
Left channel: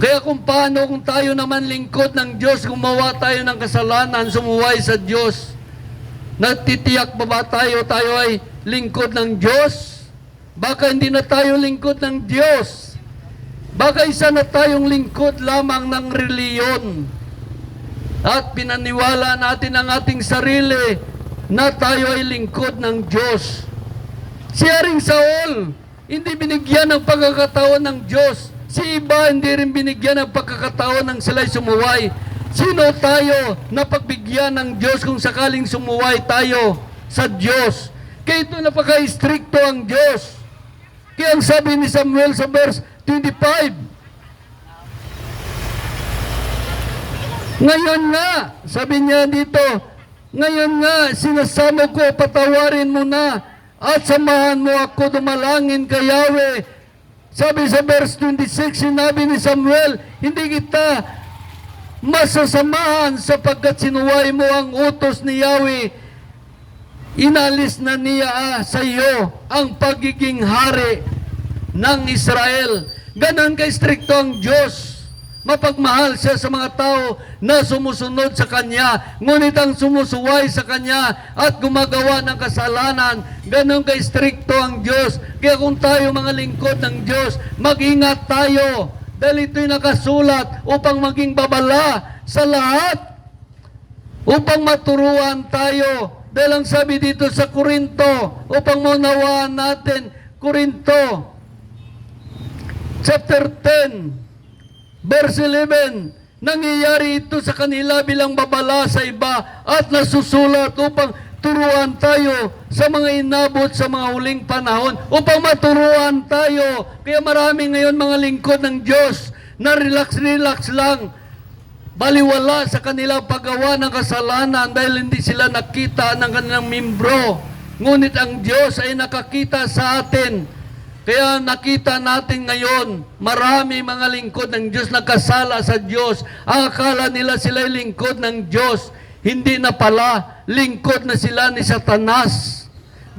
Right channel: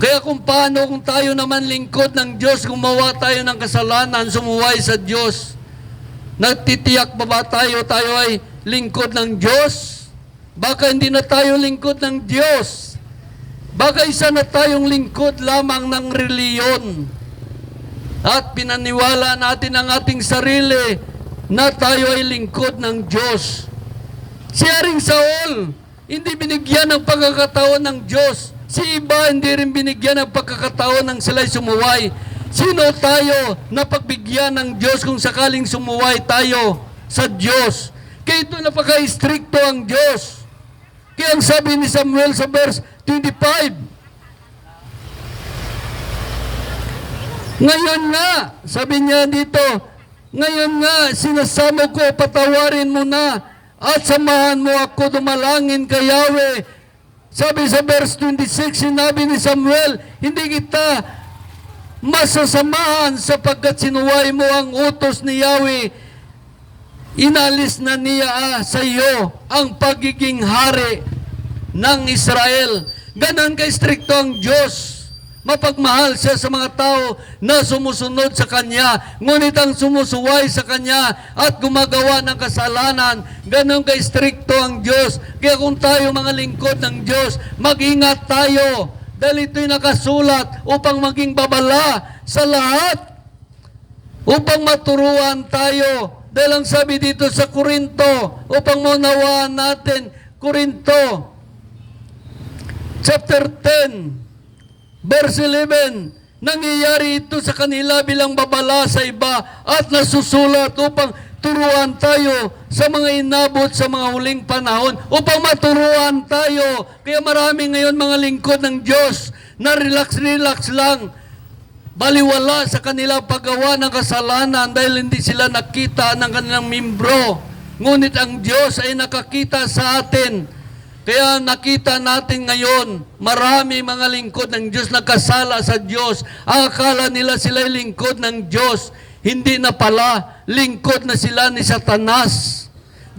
Kaya kung paano kung tayo naman lingkod ng Diyos, gumawa tayo ng kasalanan, sumuway sa Diyos, nagtitiyak pa ba tayo ay lingkod ng Diyos? Baka hindi na tayo lingkod ng Diyos. Baka isa na tayong lingkod lamang ng reliyon. At pinaniwala natin ang ating sarili na tayo ay lingkod ng Diyos. Si Haring Saul, hindi binigyan ng pagkakataon ng Diyos. Si iba, hindi rin binigyan ng pagkakataon ng sila'y sumuway. Sino tayo na pagbigyan ng Diyos kung sakaling sumuway tayo sa Diyos? Kaya ito napaka-stricto ang Diyos. Kaya ang sabi ni Samuel sa verse 25, ngayon nga, sabi niya dito, ngayon nga, sinasamo ko, patawarin mo na at samahan mo ako dumalangin kay Yahweh. Sabi sa verse 26, sinabi ni Samuel, hindi kita masasamahan sapagkat sinuway mo ang utos ni Yahweh. Inalis na niya sa iyo ang pagiging hari ng Israel. Ganon ka-stricto ang Diyos. Mapagmahal siya sa mga tao na sumusunod sa Kanya. Ngunit ang sumusuway sa Kanya at gumagawa ng kasalanan, ganon ka-stricto ang Diyos. Kaya kung tayo mga lingkod ng Diyos, mag-ingat tayo. Dahil ito'y nakasulat upang maging babala sa lahat. Upang maturuan tayo. Dahil ang sabi dito sa Korinto, upang maunawaan natin, Korinto, chapter 10, verse 11, nangyayari ito sa kanila bilang babala sa iba at nasusulat upang turuan tayo sa mga inabot sa mga huling panahon, upang maturuan tayo. Kaya marami ngayon mga lingkod ng Diyos na relax lang, baliwala sa kanila paggawa ng kasalanan dahil hindi sila nakita ng kanilang membro. Ngunit ang Diyos ay nakakita sa atin. Kaya nakita natin ngayon, marami mga lingkod ng Diyos na kasala sa Diyos. Ang akala nila sila'y lingkod ng Diyos. Hindi na pala, lingkod na sila ni Satanas.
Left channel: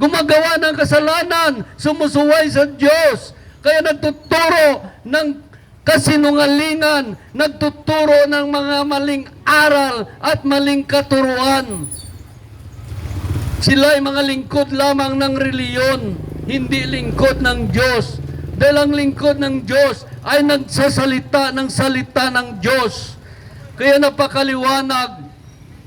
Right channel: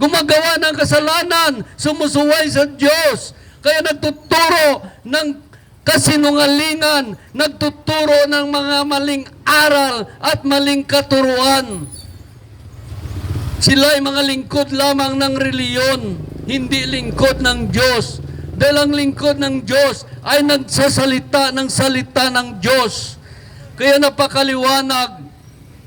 Gumagawa ng kasalanan, sumusuway sa Diyos. Kaya nagtuturo ng kasinungalingan, nagtuturo ng mga maling aral at maling katuruan. Sila ay mga lingkod lamang ng reliyon, hindi lingkod ng Diyos. Dahil ang lingkod ng Diyos ay nagsasalita ng salita ng Diyos. Kaya napakaliwanag.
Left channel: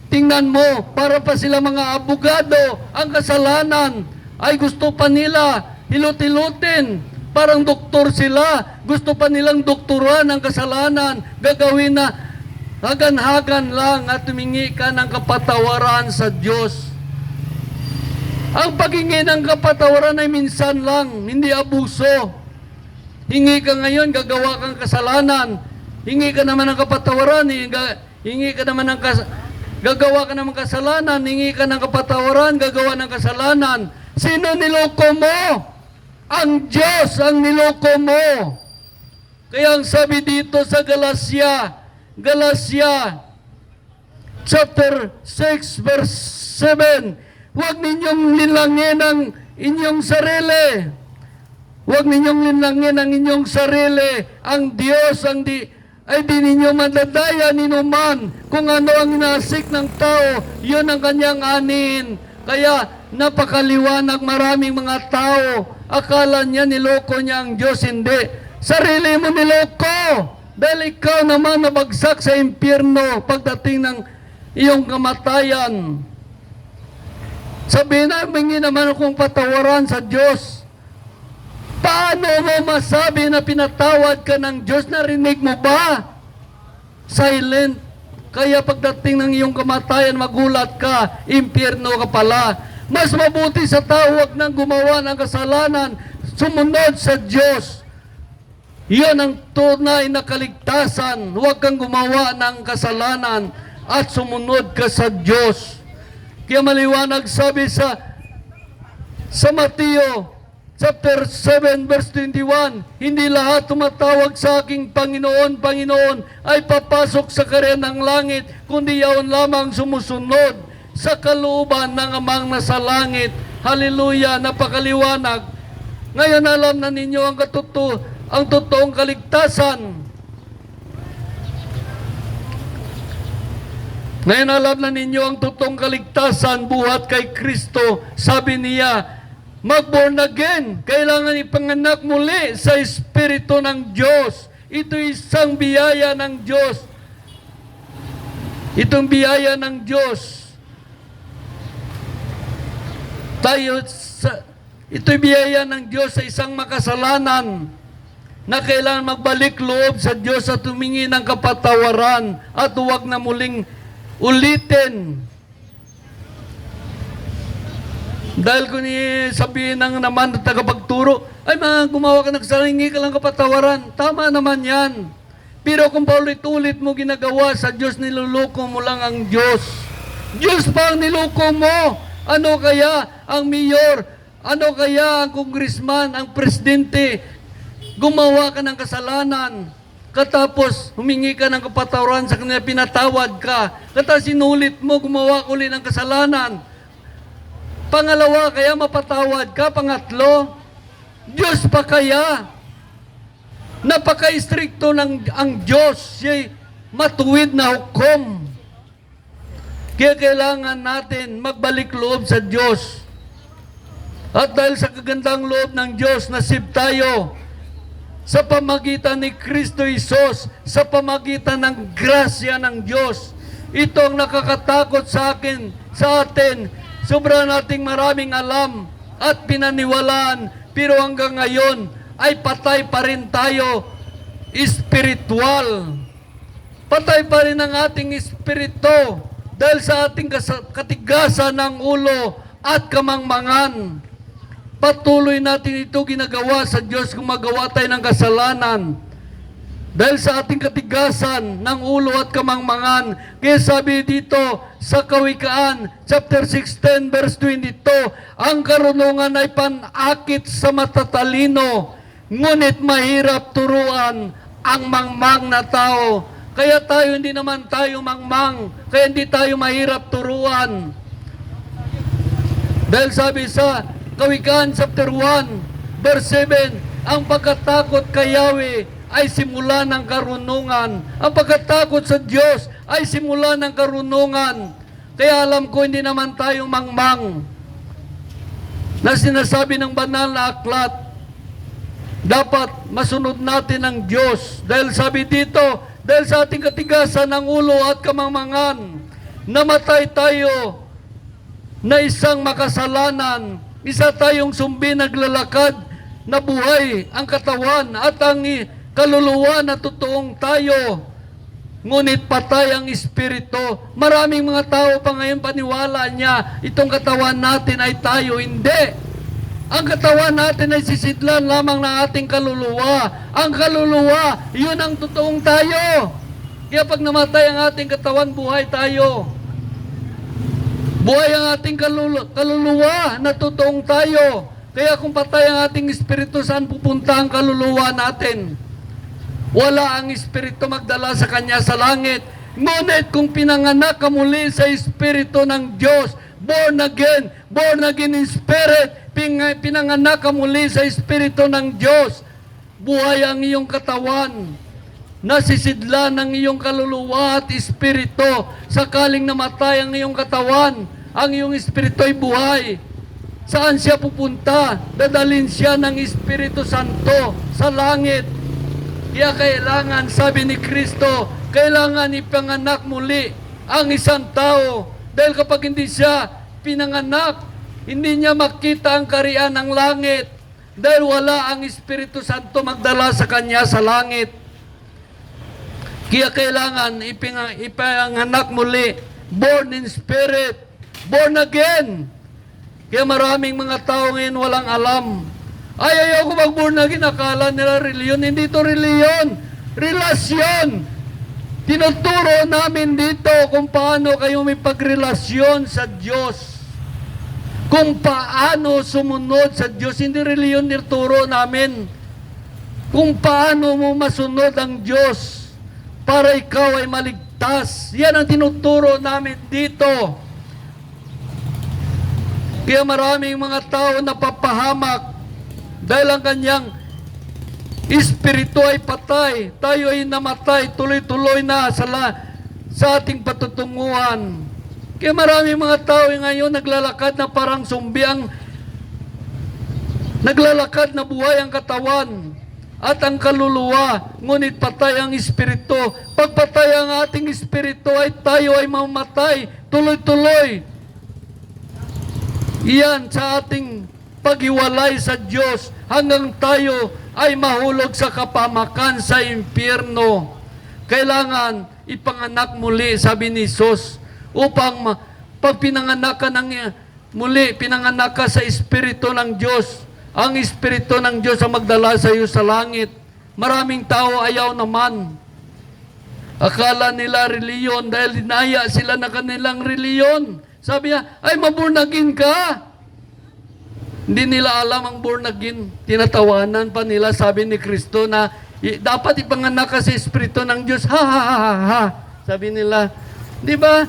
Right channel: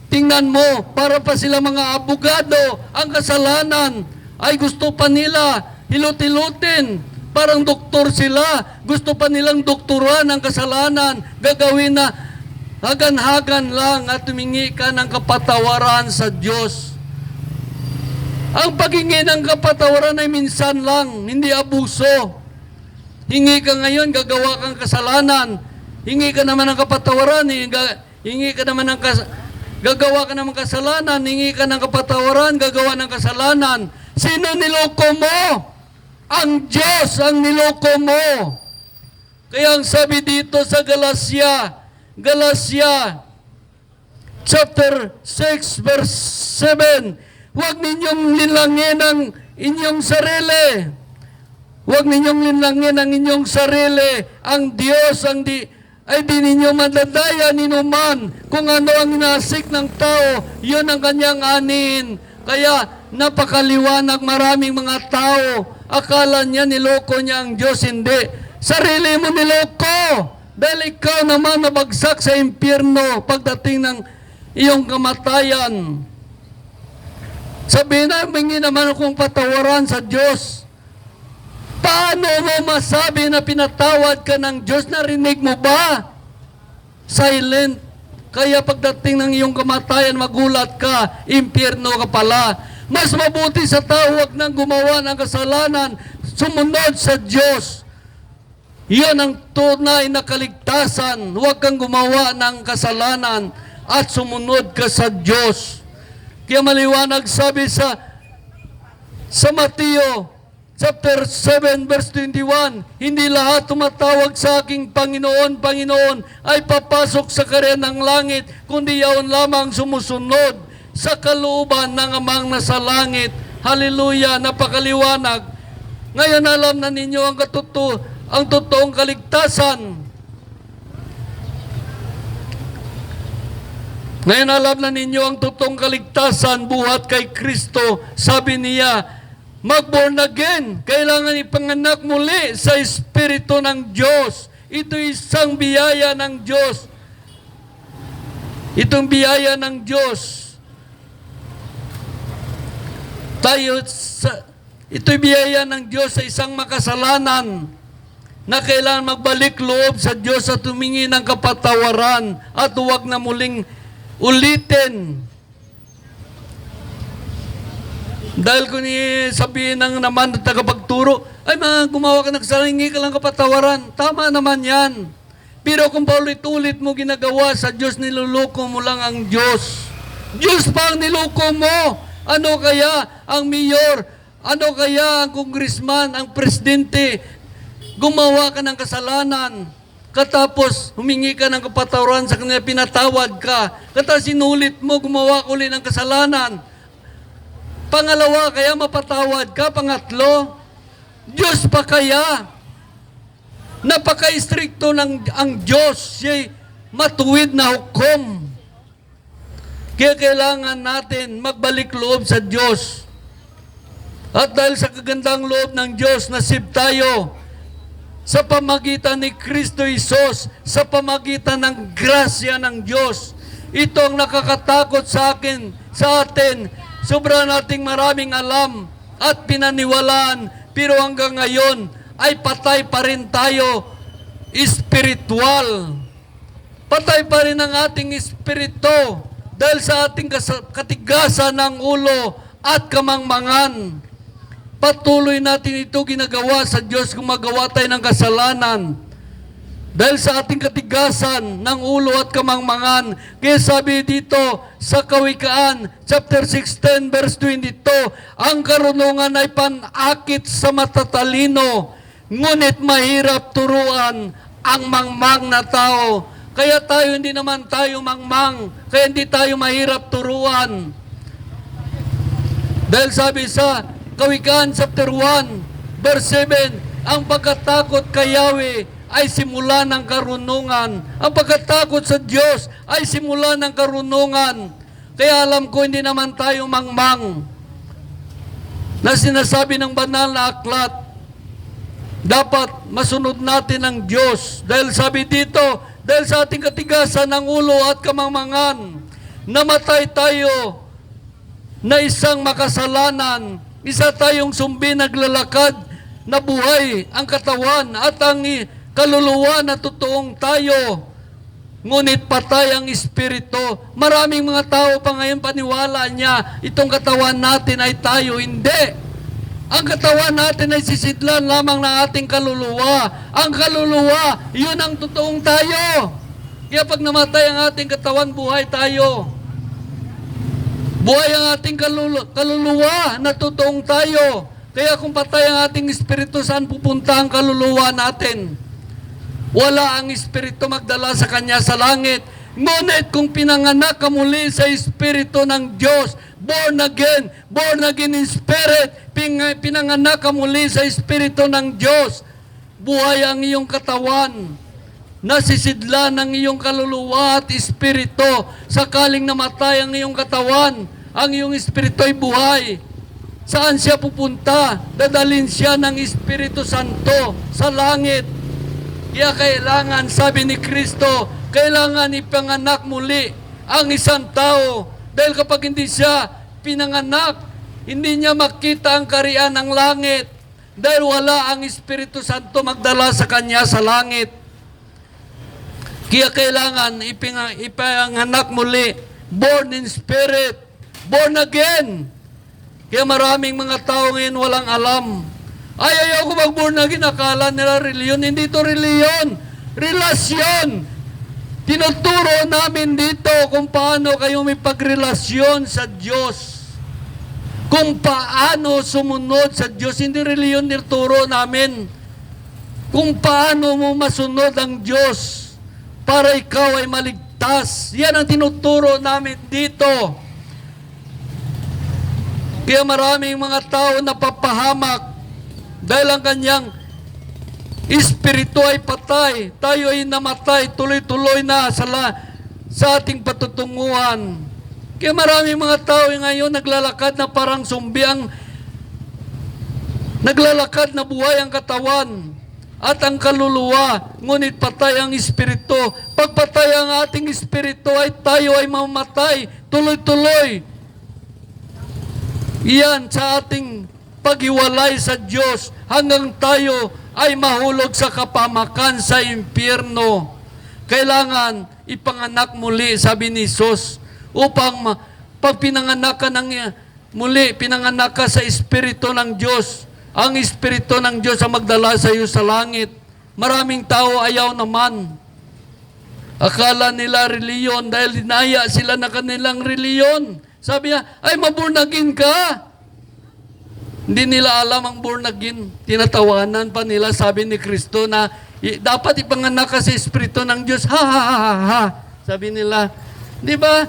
Tingnan mo, para pa sila mga abogado, ang kasalanan ay gusto pa nila hilot-hilutin. Parang doktor sila, gusto pa nilang doktoran ang kasalanan, gagawin na hagan-hagan lang at tumingi ka ng kapatawaran sa Diyos. Ang paghingi ng kapatawaran ay minsan lang, hindi abuso. Hingi ka ngayon, gagawa kang kasalanan. Hingi ka naman ng kapatawaran, hingi ka naman ng gagawa ka naman kasalanan, hingi ka ng kapatawaran, gagawa ng kasalanan. Sino niloko mo? Ang Diyos ang niloko mo. Kaya ang sabi dito sa Galatia chapter 6 verse 7, huwag ninyong linlangin ang inyong sarili. Huwag ninyong linlangin ang inyong sarili. Ang Diyos ay di ninyo madadaya ninuman. Kung ano ang inasik ng tao, yun ang kanyang anin. Kaya napakaliwanag, maraming mga tao, akala niya niloko niya ang Diyos. Hindi. Sarili mo niloko. Dahil ikaw naman nabagsak sa impyerno pagdating ng iyong kamatayan. Sabihin naman akong patawaran sa Diyos. Paano mo masabi na pinatawad ka ng Diyos? Narinig mo ba? Silent. Kaya pagdating ng iyong kamatayan, magulat ka, impyerno ka pala. Mas mabuti sa tao, huwag nang gumawa ng kasalanan, sumunod sa Diyos. Iyon ang tunay na kaligtasan. Huwag kang gumawa ng kasalanan at sumunod ka sa Diyos. Kaya maliwanag sabi sa Mateo chapter 7 verse 21, hindi lahat tumatawag sa aking Panginoon, Panginoon ay papasok sa karyan ng langit, kundi yaon lamang sumusunod sa kalooban ng Amang nasa langit. Hallelujah, napakaliwanag. Ngayon alam na ninyo ang totoong kaligtasan. Ngayon alam na ninyo ang totoong kaligtasan buhat kay Kristo. Sabi niya, mag-born again, kailangan ipanganak muli sa Espiritu ng Diyos. Ito isang biyaya ng Diyos. Itong biyaya ng Diyos. Ito'y biyaya ng Diyos sa isang makasalanan na kailangan magbalik loob sa Diyos at humingi ng kapatawaran at huwag na muling ulitin. Dahil kung sabihin ng naman ng tagapagturo, ay mga gumawa ka ng kasalanan, hingi ka lang kapatawaran. Tama naman yan. Pero kung paulit-ulit mo ginagawa sa Diyos, niluloko mo lang ang Diyos. Diyos pa ang niloko mo. Ano kaya ang mayor? Ano kaya ang congressman, ang presidente? Gumawa ka ng kasalanan. Katapos humingi ka ng kapatawaran sa kanila, pinatawad ka. Katapos sinulit mo, gumawa ka ulit ng kasalanan. Pangalawa, kaya mapatawad ka. Pangatlo, Diyos pa kaya? Napaka-istrikto ng ang Diyos. Siya'y matuwid na hukom. Kaya kailangan natin magbalik loob sa Diyos. At dahil sa kagandang loob ng Diyos, nasib tayo sa pamagitan ni Kristo Isos, sa pamagitan ng grasya ng Diyos. Ito ang nakakatakot sa atin. Sobra nating maraming alam at pinaniwalaan, pero hanggang ngayon ay patay pa rin tayo espiritual. Patay pa rin ang ating espiritu dahil sa ating katigasan ng ulo at kamangmangan. Patuloy natin ito ginagawa sa Diyos kung magawa tayo ng kasalanan. Dahil sa ating katigasan ng ulo at kamangmangan. Kaya sabi dito sa Kawikaan, chapter 16, verse 22, ang karunungan ay panakit sa matatalino, ngunit mahirap turuan ang mangmang na tao. Kaya tayo, hindi naman tayo mangmang, kaya hindi tayo mahirap turuan. Dahil sabi sa Kawikaan chapter 1, verse 7, ang pagkatakot kay Yahweh ay simula ng karunungan. Ang pagkatakot sa Diyos ay simula ng karunungan. Kaya alam ko, hindi naman tayo mangmang na sinasabi ng banal na aklat. Dapat masunod natin ang Diyos. Dahil sabi dito, dahil sa ating katigasan ng ulo at kamangmangan, namatay tayo na isang makasalanan. Isa tayong sumbi naglalakad na buhay ang katawan at ang kaluluwa na totoong tayo. Ngunit patay ang espiritu. Maraming mga tao pa ngayon paniwala niya, itong katawan natin ay tayo. Hindi. Ang katawan natin ay sisidlan lamang ng ating kaluluwa. Ang kaluluwa, yun ang totoong tayo. Kaya pag namatay ang ating katawan, buhay tayo. Buhay ang ating kaluluwa na totoong tayo. Kaya kung patay ang ating espiritu, saan pupunta ang kaluluwa natin? Wala ang espiritu magdala sa kanya sa langit. Ngunit kung pinanganak ka muli sa espiritu ng Diyos, born again in spirit, pinanganak ka muli sa espiritu ng Diyos, buhay ang iyong katawan, nasisidlan ang iyong kaluluwa at espiritu. Sakaling namatay ang iyong katawan, ang iyong espiritu ay buhay. Saan siya pupunta? Dadalhin siya ng Espiritu Santo sa langit. Kaya kailangan, sabi ni Kristo, kailangan ipanganak muli ang isang tao. Dahil kapag hindi siya pinanganak, hindi niya makita ang kariyan ng langit. Dahil wala ang Espiritu Santo magdala sa kanya sa langit. Kaya kailangan ipanganak muli, born in spirit, born again. Kaya maraming mga tao ngayon walang alam. Ay, ayaw ko mag-born again. Akala nila reliyon. Hindi ito reliyon. Relasyon. Tinuturo namin dito kung paano kayo may pagrelasyon sa Diyos. kung paano sumunod sa Diyos. Hindi reliyon nituro namin. Kung paano mo masunod ang Diyos para ikaw ay maligtas. Yan ang tinuturo namin dito. Kaya maraming mga tao napapahamak dahil ang kanyang espiritu ay patay. Tayo ay namatay, tuloy-tuloy na sa ating patutunguhan. Kaya maraming mga tao ngayon naglalakad na parang zombi, naglalakad na buhay ang katawan at ang kaluluwa, ngunit patay ang espiritu. Pag patay ang ating espiritu ay tayo ay mamatay, tuloy-tuloy. Iyan sa ating paghiwalay sa Diyos hanggang tayo ay mahulog sa kapamakan sa impyerno. Kailangan ipanganak muli, sabi ni Jesus, upang pag pinanganak ka muli, pinanganak ka sa Espiritu ng Diyos. Ang Espiritu ng Diyos ang magdala sa iyo sa langit. Maraming tao ayaw naman. Akala nila reliyon dahil dinaya sila na kanilang reliyon. Sabi niya, ay maborn again ka. Hindi nila alam ang born again. Tinatawanan pa nila, sabi ni Kristo na dapat ipanganak ka sa Espiritu ng Diyos. Ha ha ha ha ha. Sabi nila, di ba?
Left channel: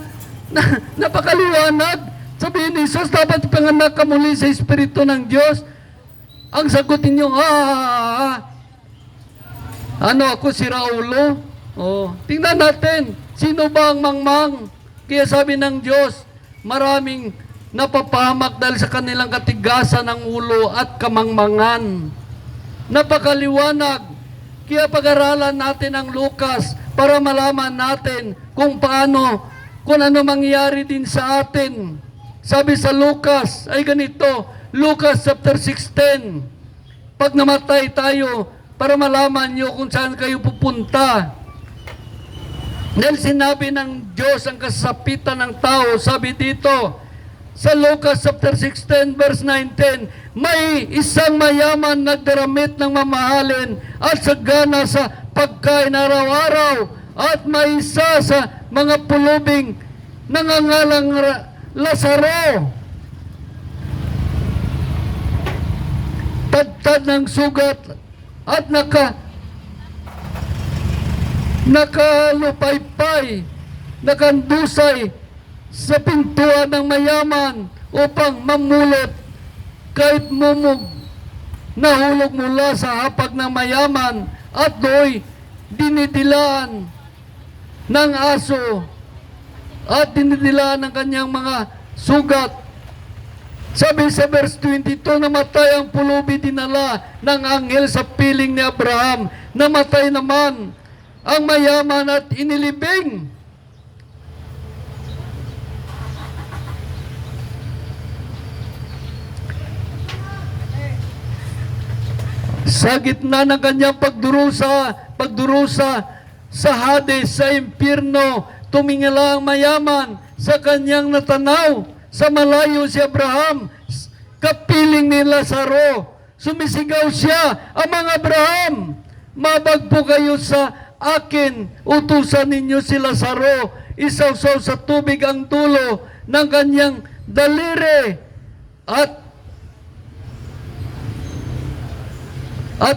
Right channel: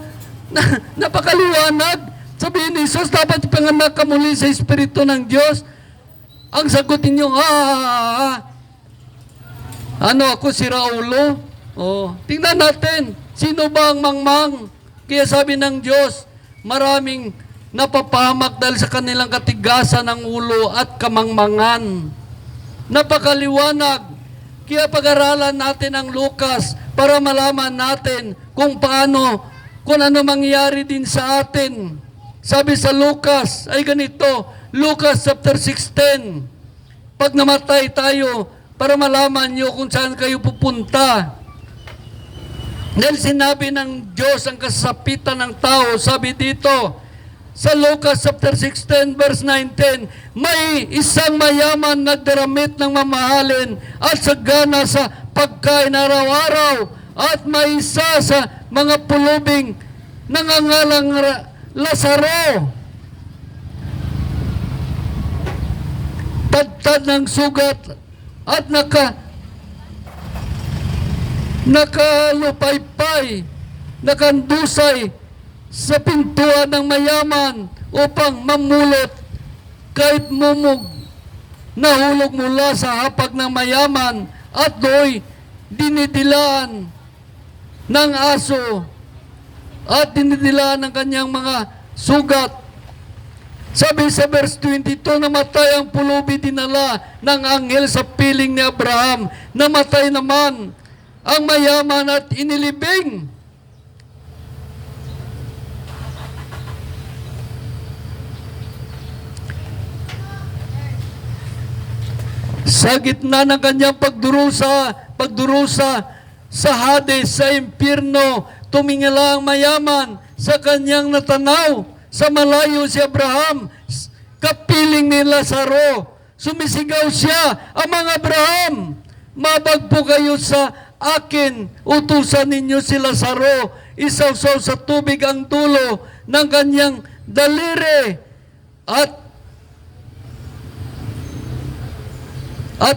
Napakaliwanag. Sabi ni Jesus, dapat ipanganak ka muli sa Espiritu ng Diyos. Ang sagutin niyo, ha ha ha ha. Ano ako, si Raulo? Oh, tingnan natin, sino ba ang mangmang? Kaya sabi ng Diyos, maraming napapahamak dahil sa kanilang katigasan ng ulo at kamangmangan. Napakaliwanag. Kaya pag-aralan natin ang Lucas para malaman natin kung ano mangyari din sa atin. Sabi sa Lucas ay ganito, Lucas chapter 16, pag namatay tayo, para malaman nyo kung saan kayo pupunta. Dahil sinabi ng Diyos ang kasapitan ng tao, sabi dito, sa Lucas chapter 16 verse 19, may isang mayaman nagdaramit ng mamahalin at sagana sa pagkain araw-araw, at may isa sa mga pulubing nangangalang Lazaro, padtad ng sugat at nakalupaypay, nakandusay sa pintuan ng mayaman upang mamulot kahit mumog, nahulog mula sa hapag ng mayaman at do'y dinidilaan ng aso at dinidilaan ng kanyang mga sugat. Sabi sa verse 22, namatay ang pulubi, dinala ng anghel sa piling ni Abraham. Namatay naman ang mayaman at inilibing. Sa gitna ng kanyang pagdurusa sa Hades, sa impyerno, tumingala ang mayaman sa kanyang natanaw. Sa malayo si Abraham, kapiling ni Lazaro. Sumisigaw siya, amang Abraham, mabagpo kayo sa akin, utusan ninyo si Lazaro, isawsaw sa tubig ang dulo ng kanyang daliri at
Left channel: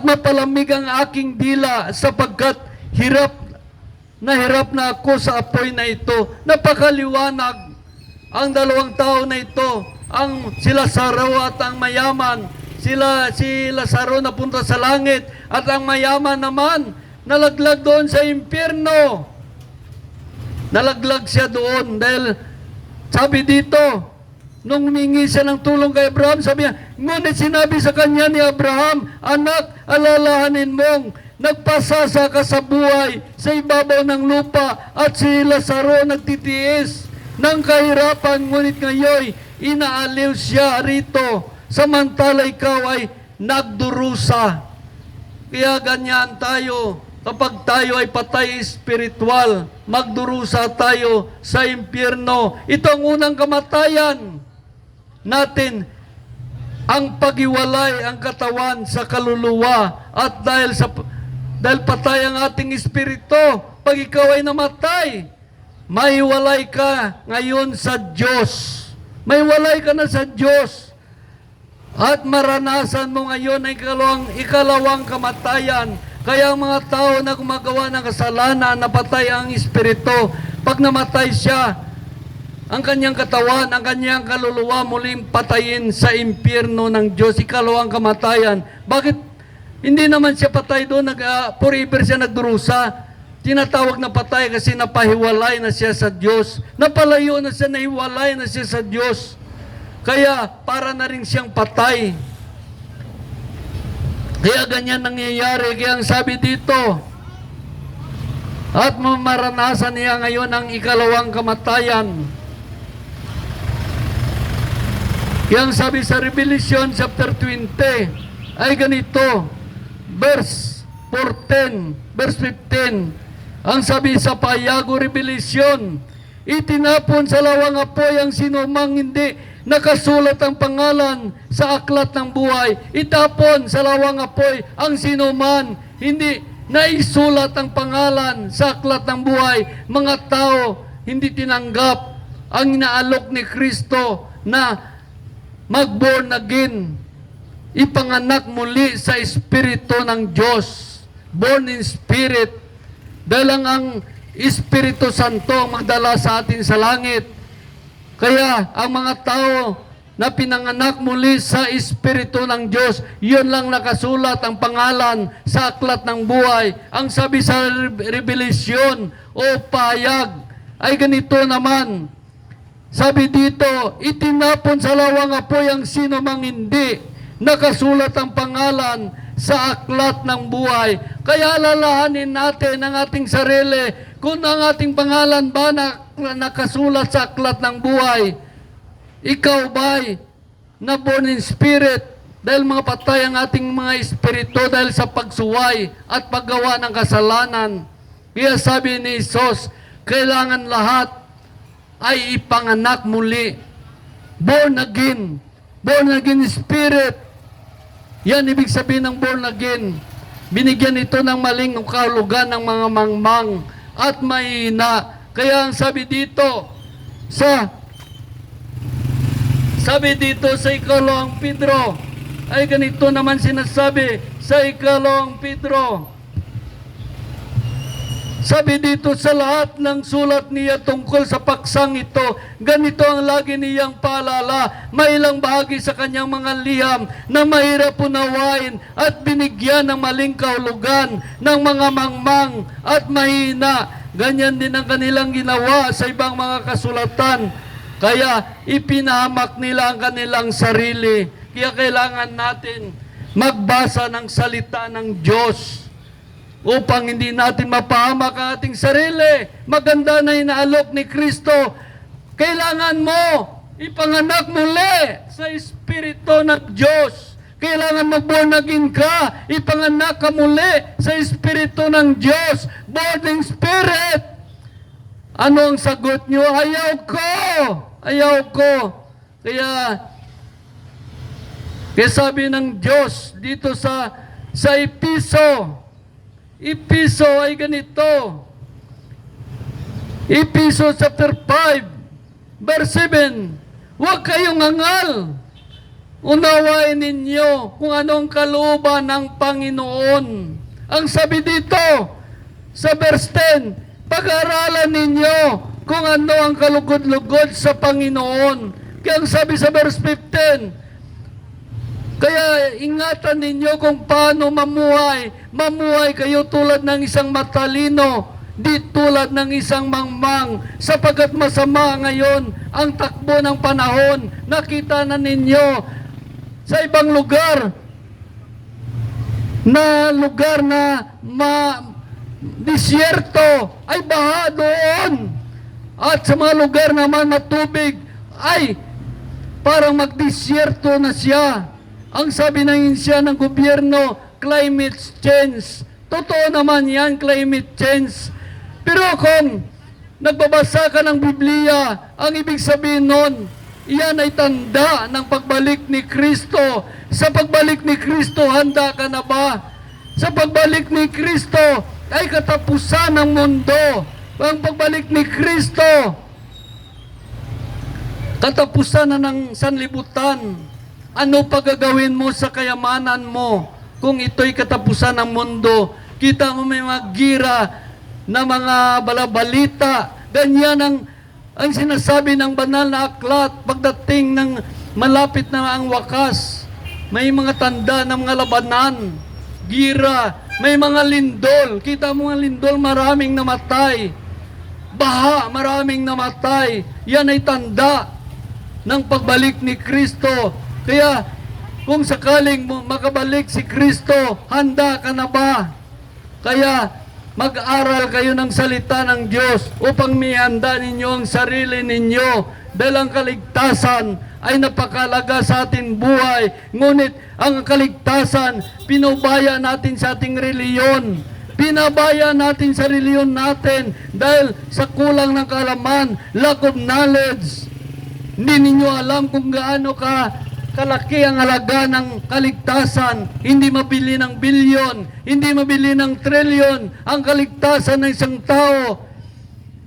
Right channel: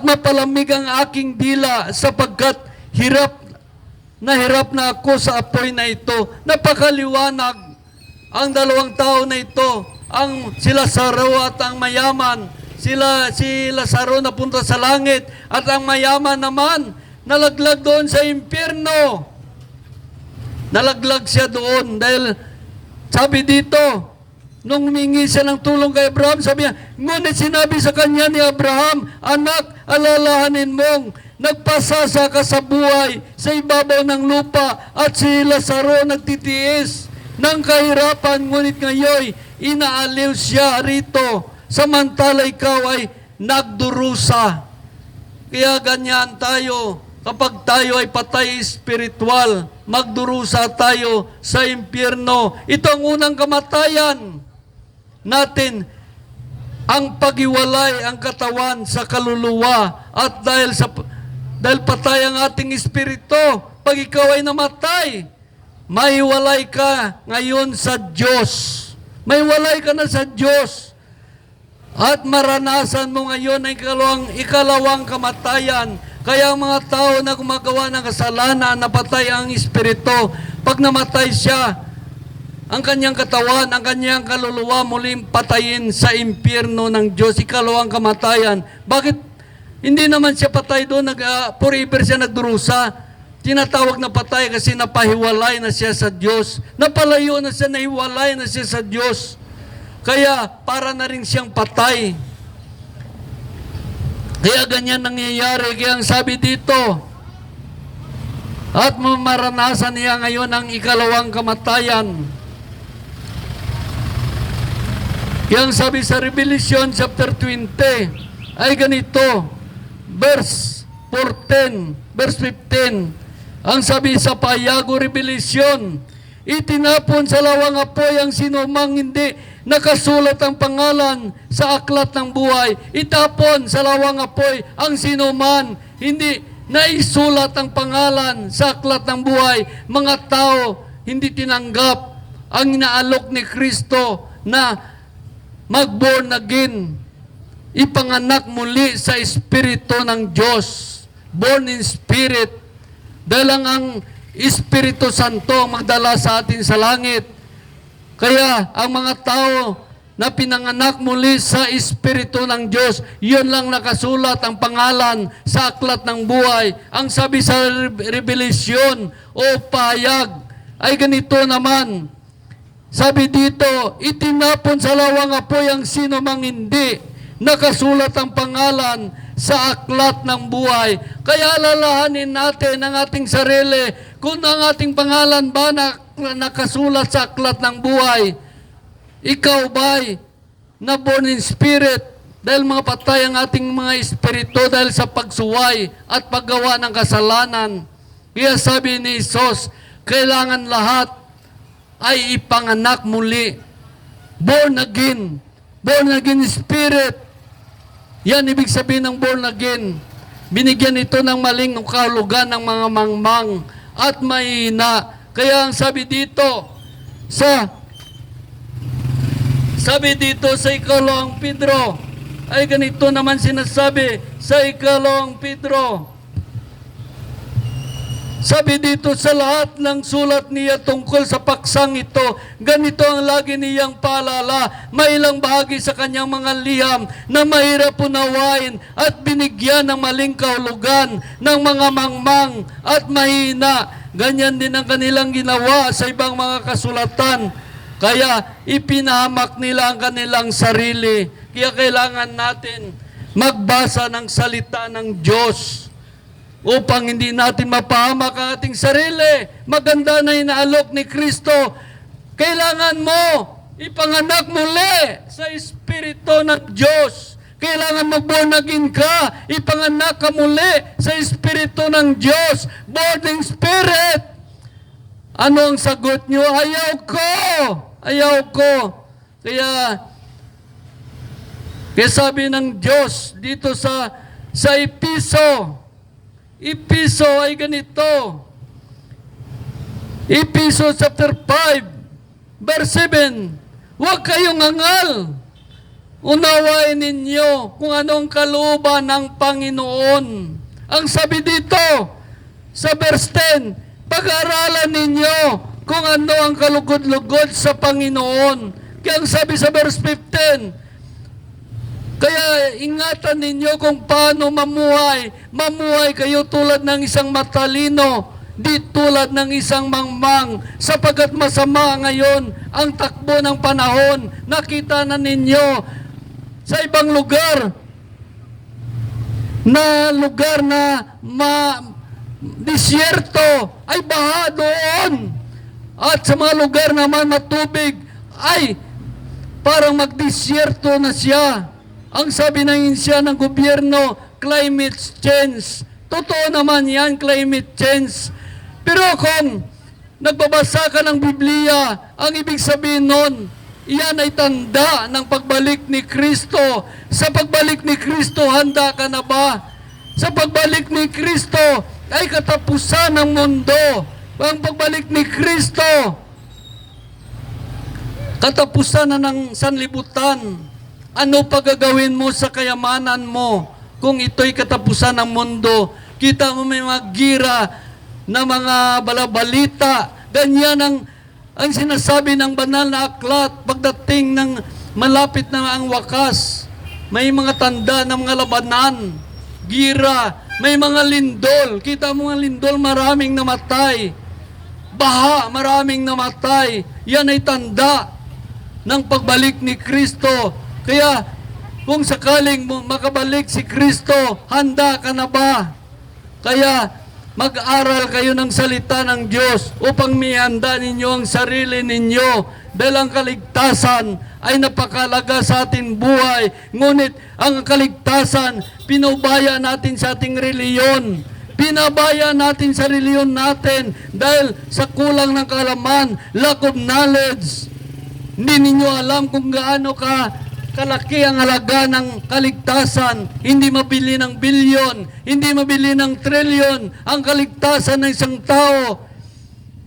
mapalamig ang aking dila, sapagkat hirap na ako sa apoy na ito. Napakaliwanag ang dalawang tao na ito, ang si Lazaro at ang mayaman. Si Lazaro napunta sa langit at ang mayaman naman nalaglag doon sa impyerno. Nalaglag siya doon dahil sabi dito, nung humingi siya ng tulong kay Abraham, sabi niya, ngunit sinabi sa kanya ni Abraham, anak, alalahanin mong nagpasasa ka sa buhay sa ibabaw ng lupa, at si Lazaro nagtitiis ng kahirapan, ngunit ngayon inaaliw siya rito, samantala ikaw ay nagdurusa. Kaya ganyan tayo, kapag tayo ay patay espiritual, magdurusa tayo sa impyerno. Ito ang unang kamatayan natin, ang paghiwalay ang katawan sa kaluluwa. At dahil patay ang ating espiritu, pag ikaw ay namatay, maiwalay ka ngayon sa Diyos. may walay ka na sa Diyos. At maranasan mo ngayon ang ikalawang kamatayan. Kaya ang mga tao na gumagawa ng kasalanan, napatay ang espiritu. Pag namatay siya, ang kanyang katawan, ang kanyang kaluluwa muling patayin sa impyerno ng Diyos. Ikalawang kamatayan. Bakit hindi naman siya patay doon? Forever siya nagdurusa. Tinatawag na patay kasi napahiwalay na siya sa Diyos. Napalayo na siya, nahiwalay na siya sa Diyos. Kaya para na rin siyang patay. Kaya ganyan nangyayari. Kaya ang sabi dito, at maranasan niya ngayon ang ikalawang kamatayan. Kaya ang sabi sa Revelation chapter 20 ay ganito, verse 14, verse 15. Ang sabi sa payago Revelation, itinapon sa lawang apoy ang sinumang hindi nakasulat ang pangalan sa aklat ng buhay. Itapon sa lawang apoy ang sinuman hindi naisulat ang pangalan sa aklat ng buhay. Mga tao hindi tinanggap ang inaalok ni Kristo na mag-born again, ipanganak muli sa Espiritu ng Diyos, born in Spirit. Dahil ang Espiritu Santo ang magdala sa atin sa langit. Kaya ang mga tao na pinanganak muli sa Espiritu ng Diyos, yun lang nakasulat ang pangalan sa aklat ng buhay. Ang sabi sa Revelation o payag ay ganito naman. Sabi dito, itinapon sa lawang apoy ang sino mang hindi nakasulat ang pangalan sa aklat ng buhay. Kaya alalahanin natin ang ating sarili kung ang ating pangalan ba nakasulat sa aklat ng buhay. Ikaw ba'y na born in spirit dahil mga patay ang ating mga espiritu dahil sa pagsuway at paggawa ng kasalanan. Kaya sabi ni Jesus, kailangan lahat ay ipanganak muli. Born again spirit. Yan ibig sabihin ng born again. Binigyan ito ng maling kahulugan ng mga mangmang at mahina. Kaya ang sabi dito sa ikalawang Pedro ay ganito naman sinasabi sa ikalawang Pedro. Sabi dito sa lahat ng sulat niya tungkol sa paksang ito, ganito ang lagi niyang paalala, may ilang bahagi sa kanyang mga liham na mahirap unawain at binigyan ng maling kahulugan ng mga mangmang at mahina. Ganyan din ang kanilang ginawa sa ibang mga kasulatan. Kaya ipinahamak nila ang kanilang sarili. Kaya kailangan natin magbasa ng salita ng Diyos upang hindi natin mapahamak ang ating sarili. Maganda na inaalok ni Kristo. Kailangan mo ipanganak muli sa Espiritu ng Diyos. Kailangan mag-born again ka. Ipanganak ka muli sa Espiritu ng Diyos. Born in Spirit. Ano ang sagot nyo? Ayaw ko. Ayaw ko. Kaya sabi ng Diyos dito sa Episo ay ganito. Episo chapter 5 verse 7. Huwag kayong angal. Unawain ninyo kung anong kalooban ng Panginoon. Ang sabi dito sa verse 10, pag-aralan ninyo kung ano ang kalugod-lugod sa Panginoon. Kaya ang sabi sa verse 15, kaya ingatan ninyo kung paano mamuhay. Mamuhay kayo tulad ng isang matalino, di tulad ng isang mangmang. Sapagkat masama ngayon ang takbo ng panahon. Nakita na ninyo sa ibang lugar na disyerto ay baha doon. At sa mga lugar naman na tubig ay parang magdisyerto na siya. Ang sabi ng siya ng gobyerno, climate change. Totoo naman yan, climate change. Pero kung nagbabasa ka ng Biblia, ang ibig sabihin nun, iyan ay tanda ng pagbalik ni Kristo. Sa pagbalik ni Kristo, handa ka na ba? Sa pagbalik ni Kristo, ay katapusan ng mundo. Ang pagbalik ni Kristo, katapusan na ng sanlibutan. Ano pa gagawin mo sa kayamanan mo kung ito'y katapusan ng mundo? Kita mo may mga gira na mga balabalita. Ganyan ang sinasabi ng banal na aklat pagdating ng malapit na ang wakas. May mga tanda ng mga labanan, gira, may mga lindol. Kita mo mga lindol, maraming namatay. Baha, maraming namatay. Yan ay tanda ng pagbalik ni Kristo. Kaya kung sakaling makabalik si Kristo, handa ka na ba? Kaya mag-aral kayo ng salita ng Diyos upang mihanda ninyo ang sarili ninyo dahil ang kaligtasan ay napakalaga sa ating buhay. Ngunit ang kaligtasan, pinubaya natin sa ating reliyon. Pinabaya natin sa reliyon natin dahil sa kulang ng kaalaman, lack of knowledge. Hindi ninyo alam kung gaano kalaki ang halaga ng kaligtasan. Hindi mabili ng bilyon, hindi mabili ng trilyon ang kaligtasan ng isang tao.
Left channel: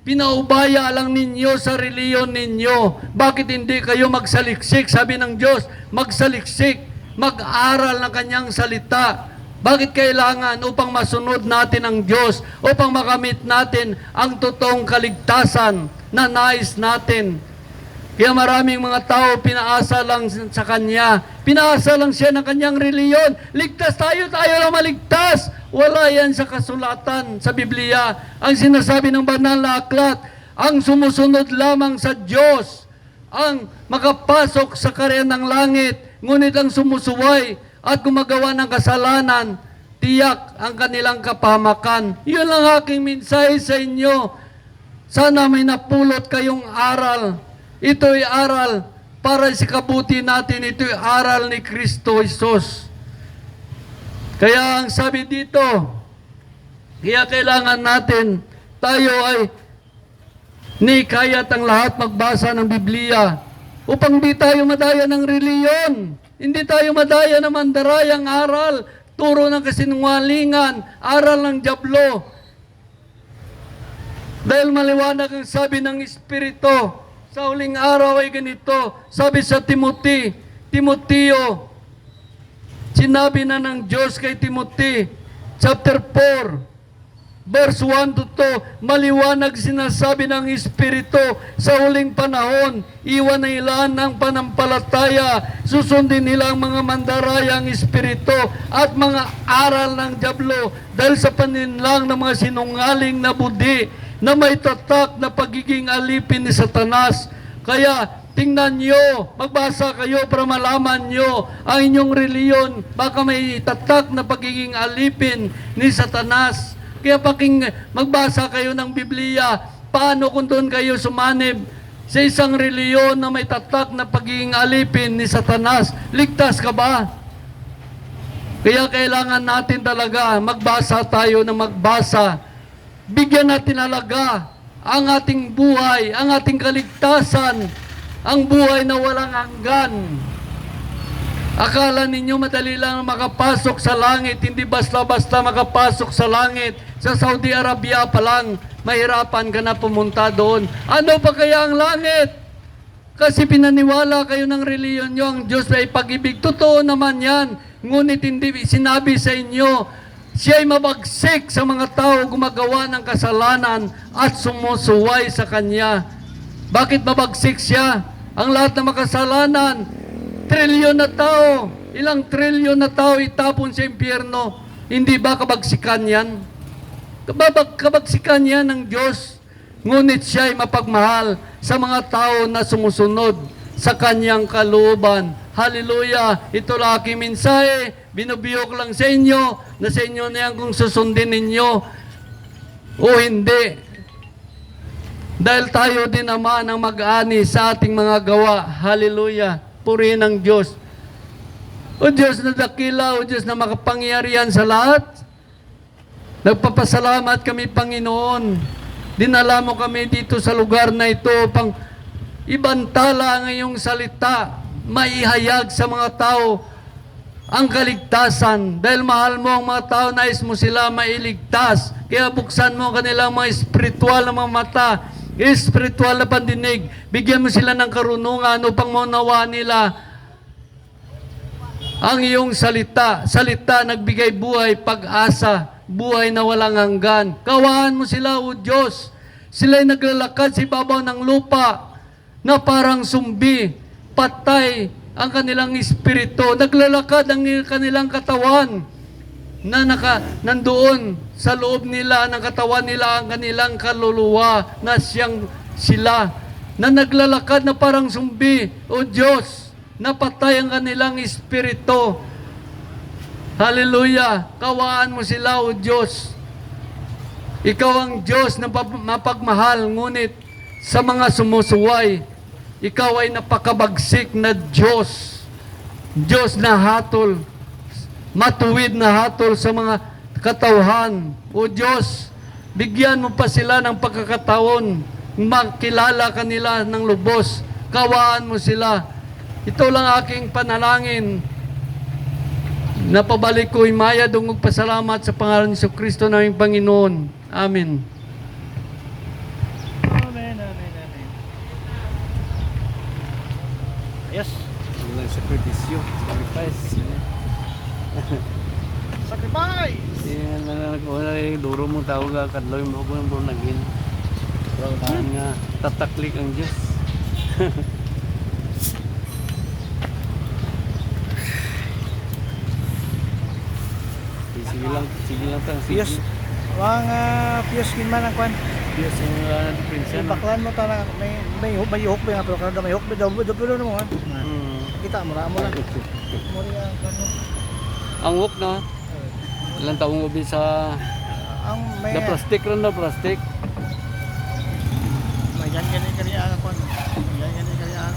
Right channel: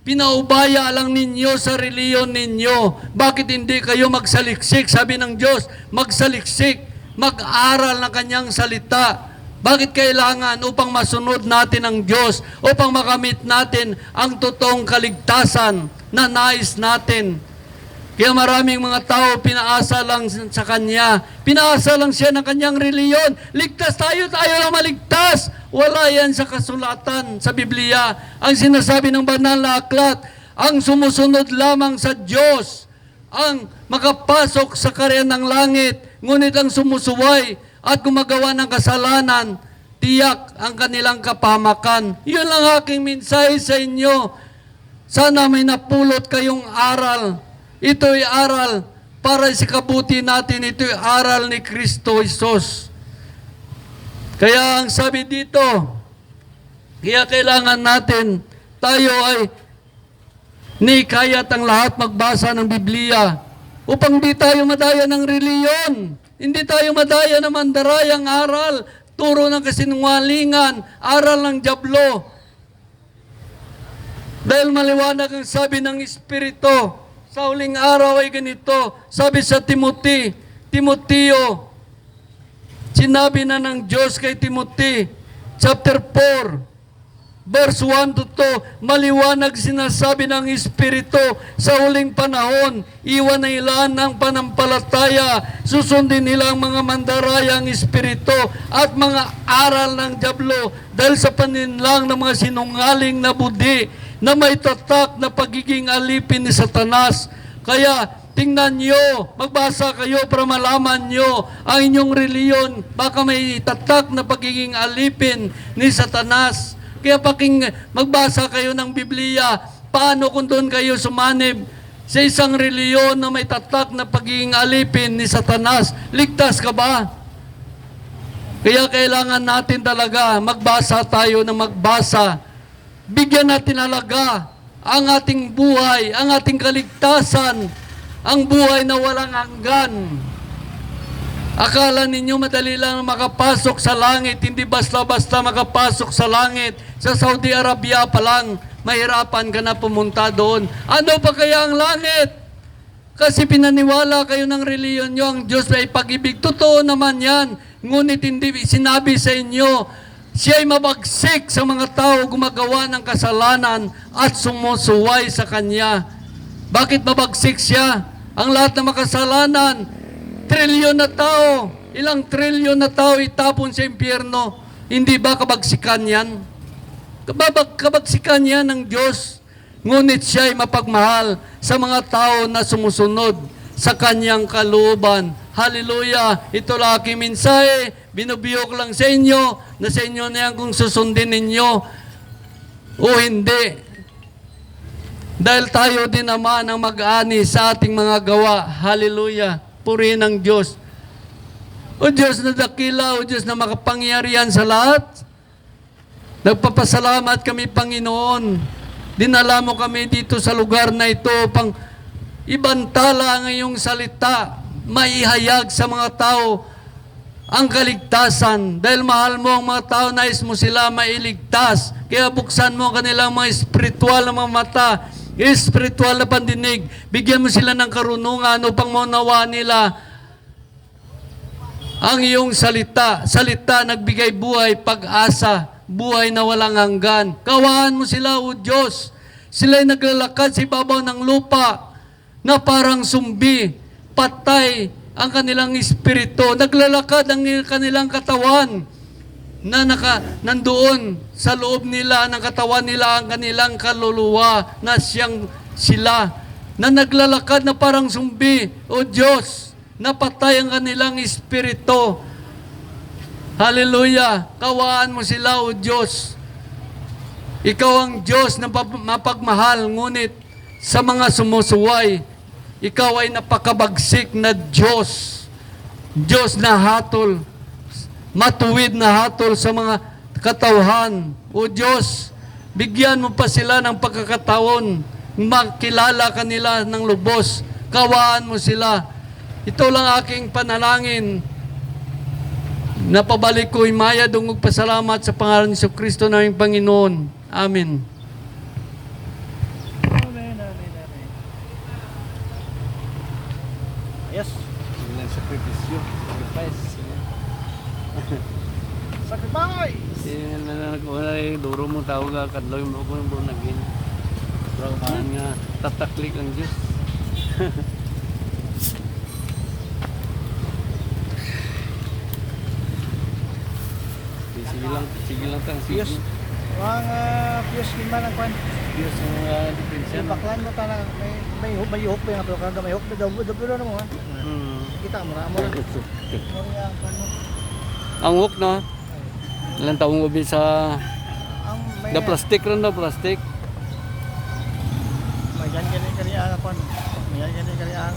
Pinaubaya lang ninyo sa reliyon ninyo. Bakit hindi kayo magsaliksik? Sabi ng Diyos, magsaliksik, mag-aral ng kanyang salita. Bakit kailangan? Upang masunod natin ang Diyos, upang makamit natin ang totoong kaligtasan na nais natin. Kaya maraming mga tao pinaasa lang sa Kanya. Pinaasa lang siya ng kanyang reliyon. Ligtas tayo lang maligtas. Wala yan sa kasulatan sa Biblia. Ang sinasabi ng banal na aklat, ang sumusunod lamang sa Diyos, ang makapasok sa karyan ng langit, ngunit ang sumusuway at gumagawa ng kasalanan, tiyak ang kanilang kapahamakan. Yun lang aking mensahe sa inyo. Sana may napulot kayong aral. Ito'y aral para sa kabuti natin. Ito'y aral ni Kristo Jesus. Kaya ang sabi dito, kaya kailangan natin, tayo ay nikayat ang lahat magbasa ng Biblia upang di tayo madaya ng reliyon. Hindi tayo madaya ng mandarayang aral, turo ng kasinungalingan, aral ng dyablo. Dahil maliwanag ang sabi ng Espiritu, sa huling araw ay ganito, sabi sa Timoteo, sinabi na ng Diyos kay Timothy, chapter 4, verse 1 to 2, maliwanag sinasabi ng Espiritu, sa huling panahon, iwan na ilan ng panampalataya, susundin nila ang mga mandarayang espiritu at mga aral ng dyablo, dahil sa paninlang ng mga sinungaling na budi, na may tatak na pagiging alipin ni Satanas. Kaya tingnan nyo, magbasa kayo para malaman nyo ang inyong reliyon. Baka may tatak na pagiging alipin ni Satanas. Kaya magbasa kayo ng Biblia. Paano kung doon kayo sumanib sa isang reliyon na may tatak na pagiging alipin ni Satanas? Ligtas ka ba? Kaya kailangan natin talaga magbasa tayo na magbasa. Bigyan natin halaga ang ating buhay, ang ating kaligtasan, ang buhay na walang hanggan. Akala ninyo madali lang makapasok sa langit, hindi basta-basta makapasok sa langit. Sa Saudi Arabia pa lang, mahirapan ka na pumunta doon. Ano pa kaya ang langit? Kasi pinaniwala kayo ng reliyon nyo, ang Diyos ay pag-ibig. Totoo naman yan. Ngunit hindi sinabi sa inyo, siya ay mabagsik sa mga tao gumagawa ng kasalanan at sumusuway sa Kanya. Bakit mabagsik siya? Ang lahat ng makasalanan, trilyon na tao, ilang trilyon na tao itapon sa impyerno. Hindi ba kabagsikan yan? Kabagsikan yan ng Diyos. Ngunit siya ay mapagmahal sa mga tao na sumusunod sa Kanyang kalooban. Hallelujah! Ito lang aking mensahe. Binubiyok lang sa inyo na sa inyo niyan kung susundin ninyo o hindi. Dahil tayo din naman ang mag-ani sa ating mga gawa. Hallelujah! Purihin ang Diyos. O Diyos na dakila, o Diyos na makapangyarihan sa lahat. Nagpapasalamat kami, Panginoon. Dinala mo kami dito sa lugar na ito upang ibantala ang iyong salita, maihayag sa mga tao ang kaligtasan. Dahil mahal mo ang mga tao, nais mo sila mailigtas. Kaya buksan mo ang kanilang mga espiritual na mga mata espiritual na pandinig. Bigyan mo sila ng karunungan upang maunawaan nila ang iyong salita. Salita nagbigay buhay, pag-asa, buhay na walang hanggan. Kawahan mo sila, O Diyos. Sila'y naglalakad sa ibabaw ng lupa na parang sumbi, patay ang kanilang espiritu. Naglalakad ang kanilang katawan na nandoon sa loob nila, ng katawan nila, ang kanilang kaluluwa na sila. Na naglalakad na parang sumbi, O Diyos, napatay ang kanilang espiritu. Hallelujah! Kawaan mo sila, O Diyos. Ikaw ang Diyos na mapagmahal, ngunit sa mga sumusuway, ikaw ay napakabagsik na Diyos. Diyos na hatol, matuwid na hatol sa mga katauhan. O Diyos, bigyan mo pa sila ng pagkakataon, makilala kanila ng lubos. Kawaan mo sila. Ito lang aking panalangin. Napabalik ko himaya dungog pasalamat sa pangalan ni Kristo naming Panginoon. Amen. Amen, amen, amen. Yes. Sakripisyo, sacrifice. Sacrifice! Yan na nagkuha yung duro mong tawag ka, kadlaw yung buko ng buong nagin. Parang nga, tataklik ang Diyos. Sige lang tang, sige. Piyos. Mga piyos gimana ang kwan. Diyos ang pinsan. Baklan mo ta na may huk ba to kada may huk ba daw pero no. Kita mo ra mo. Mo ri ang kwan mo. Ang wok na, ilang taong ubi sa Ang may da plastic rin na plastic. may yan kani ang kwan. Yan kani ang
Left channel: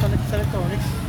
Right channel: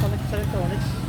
sa electronics.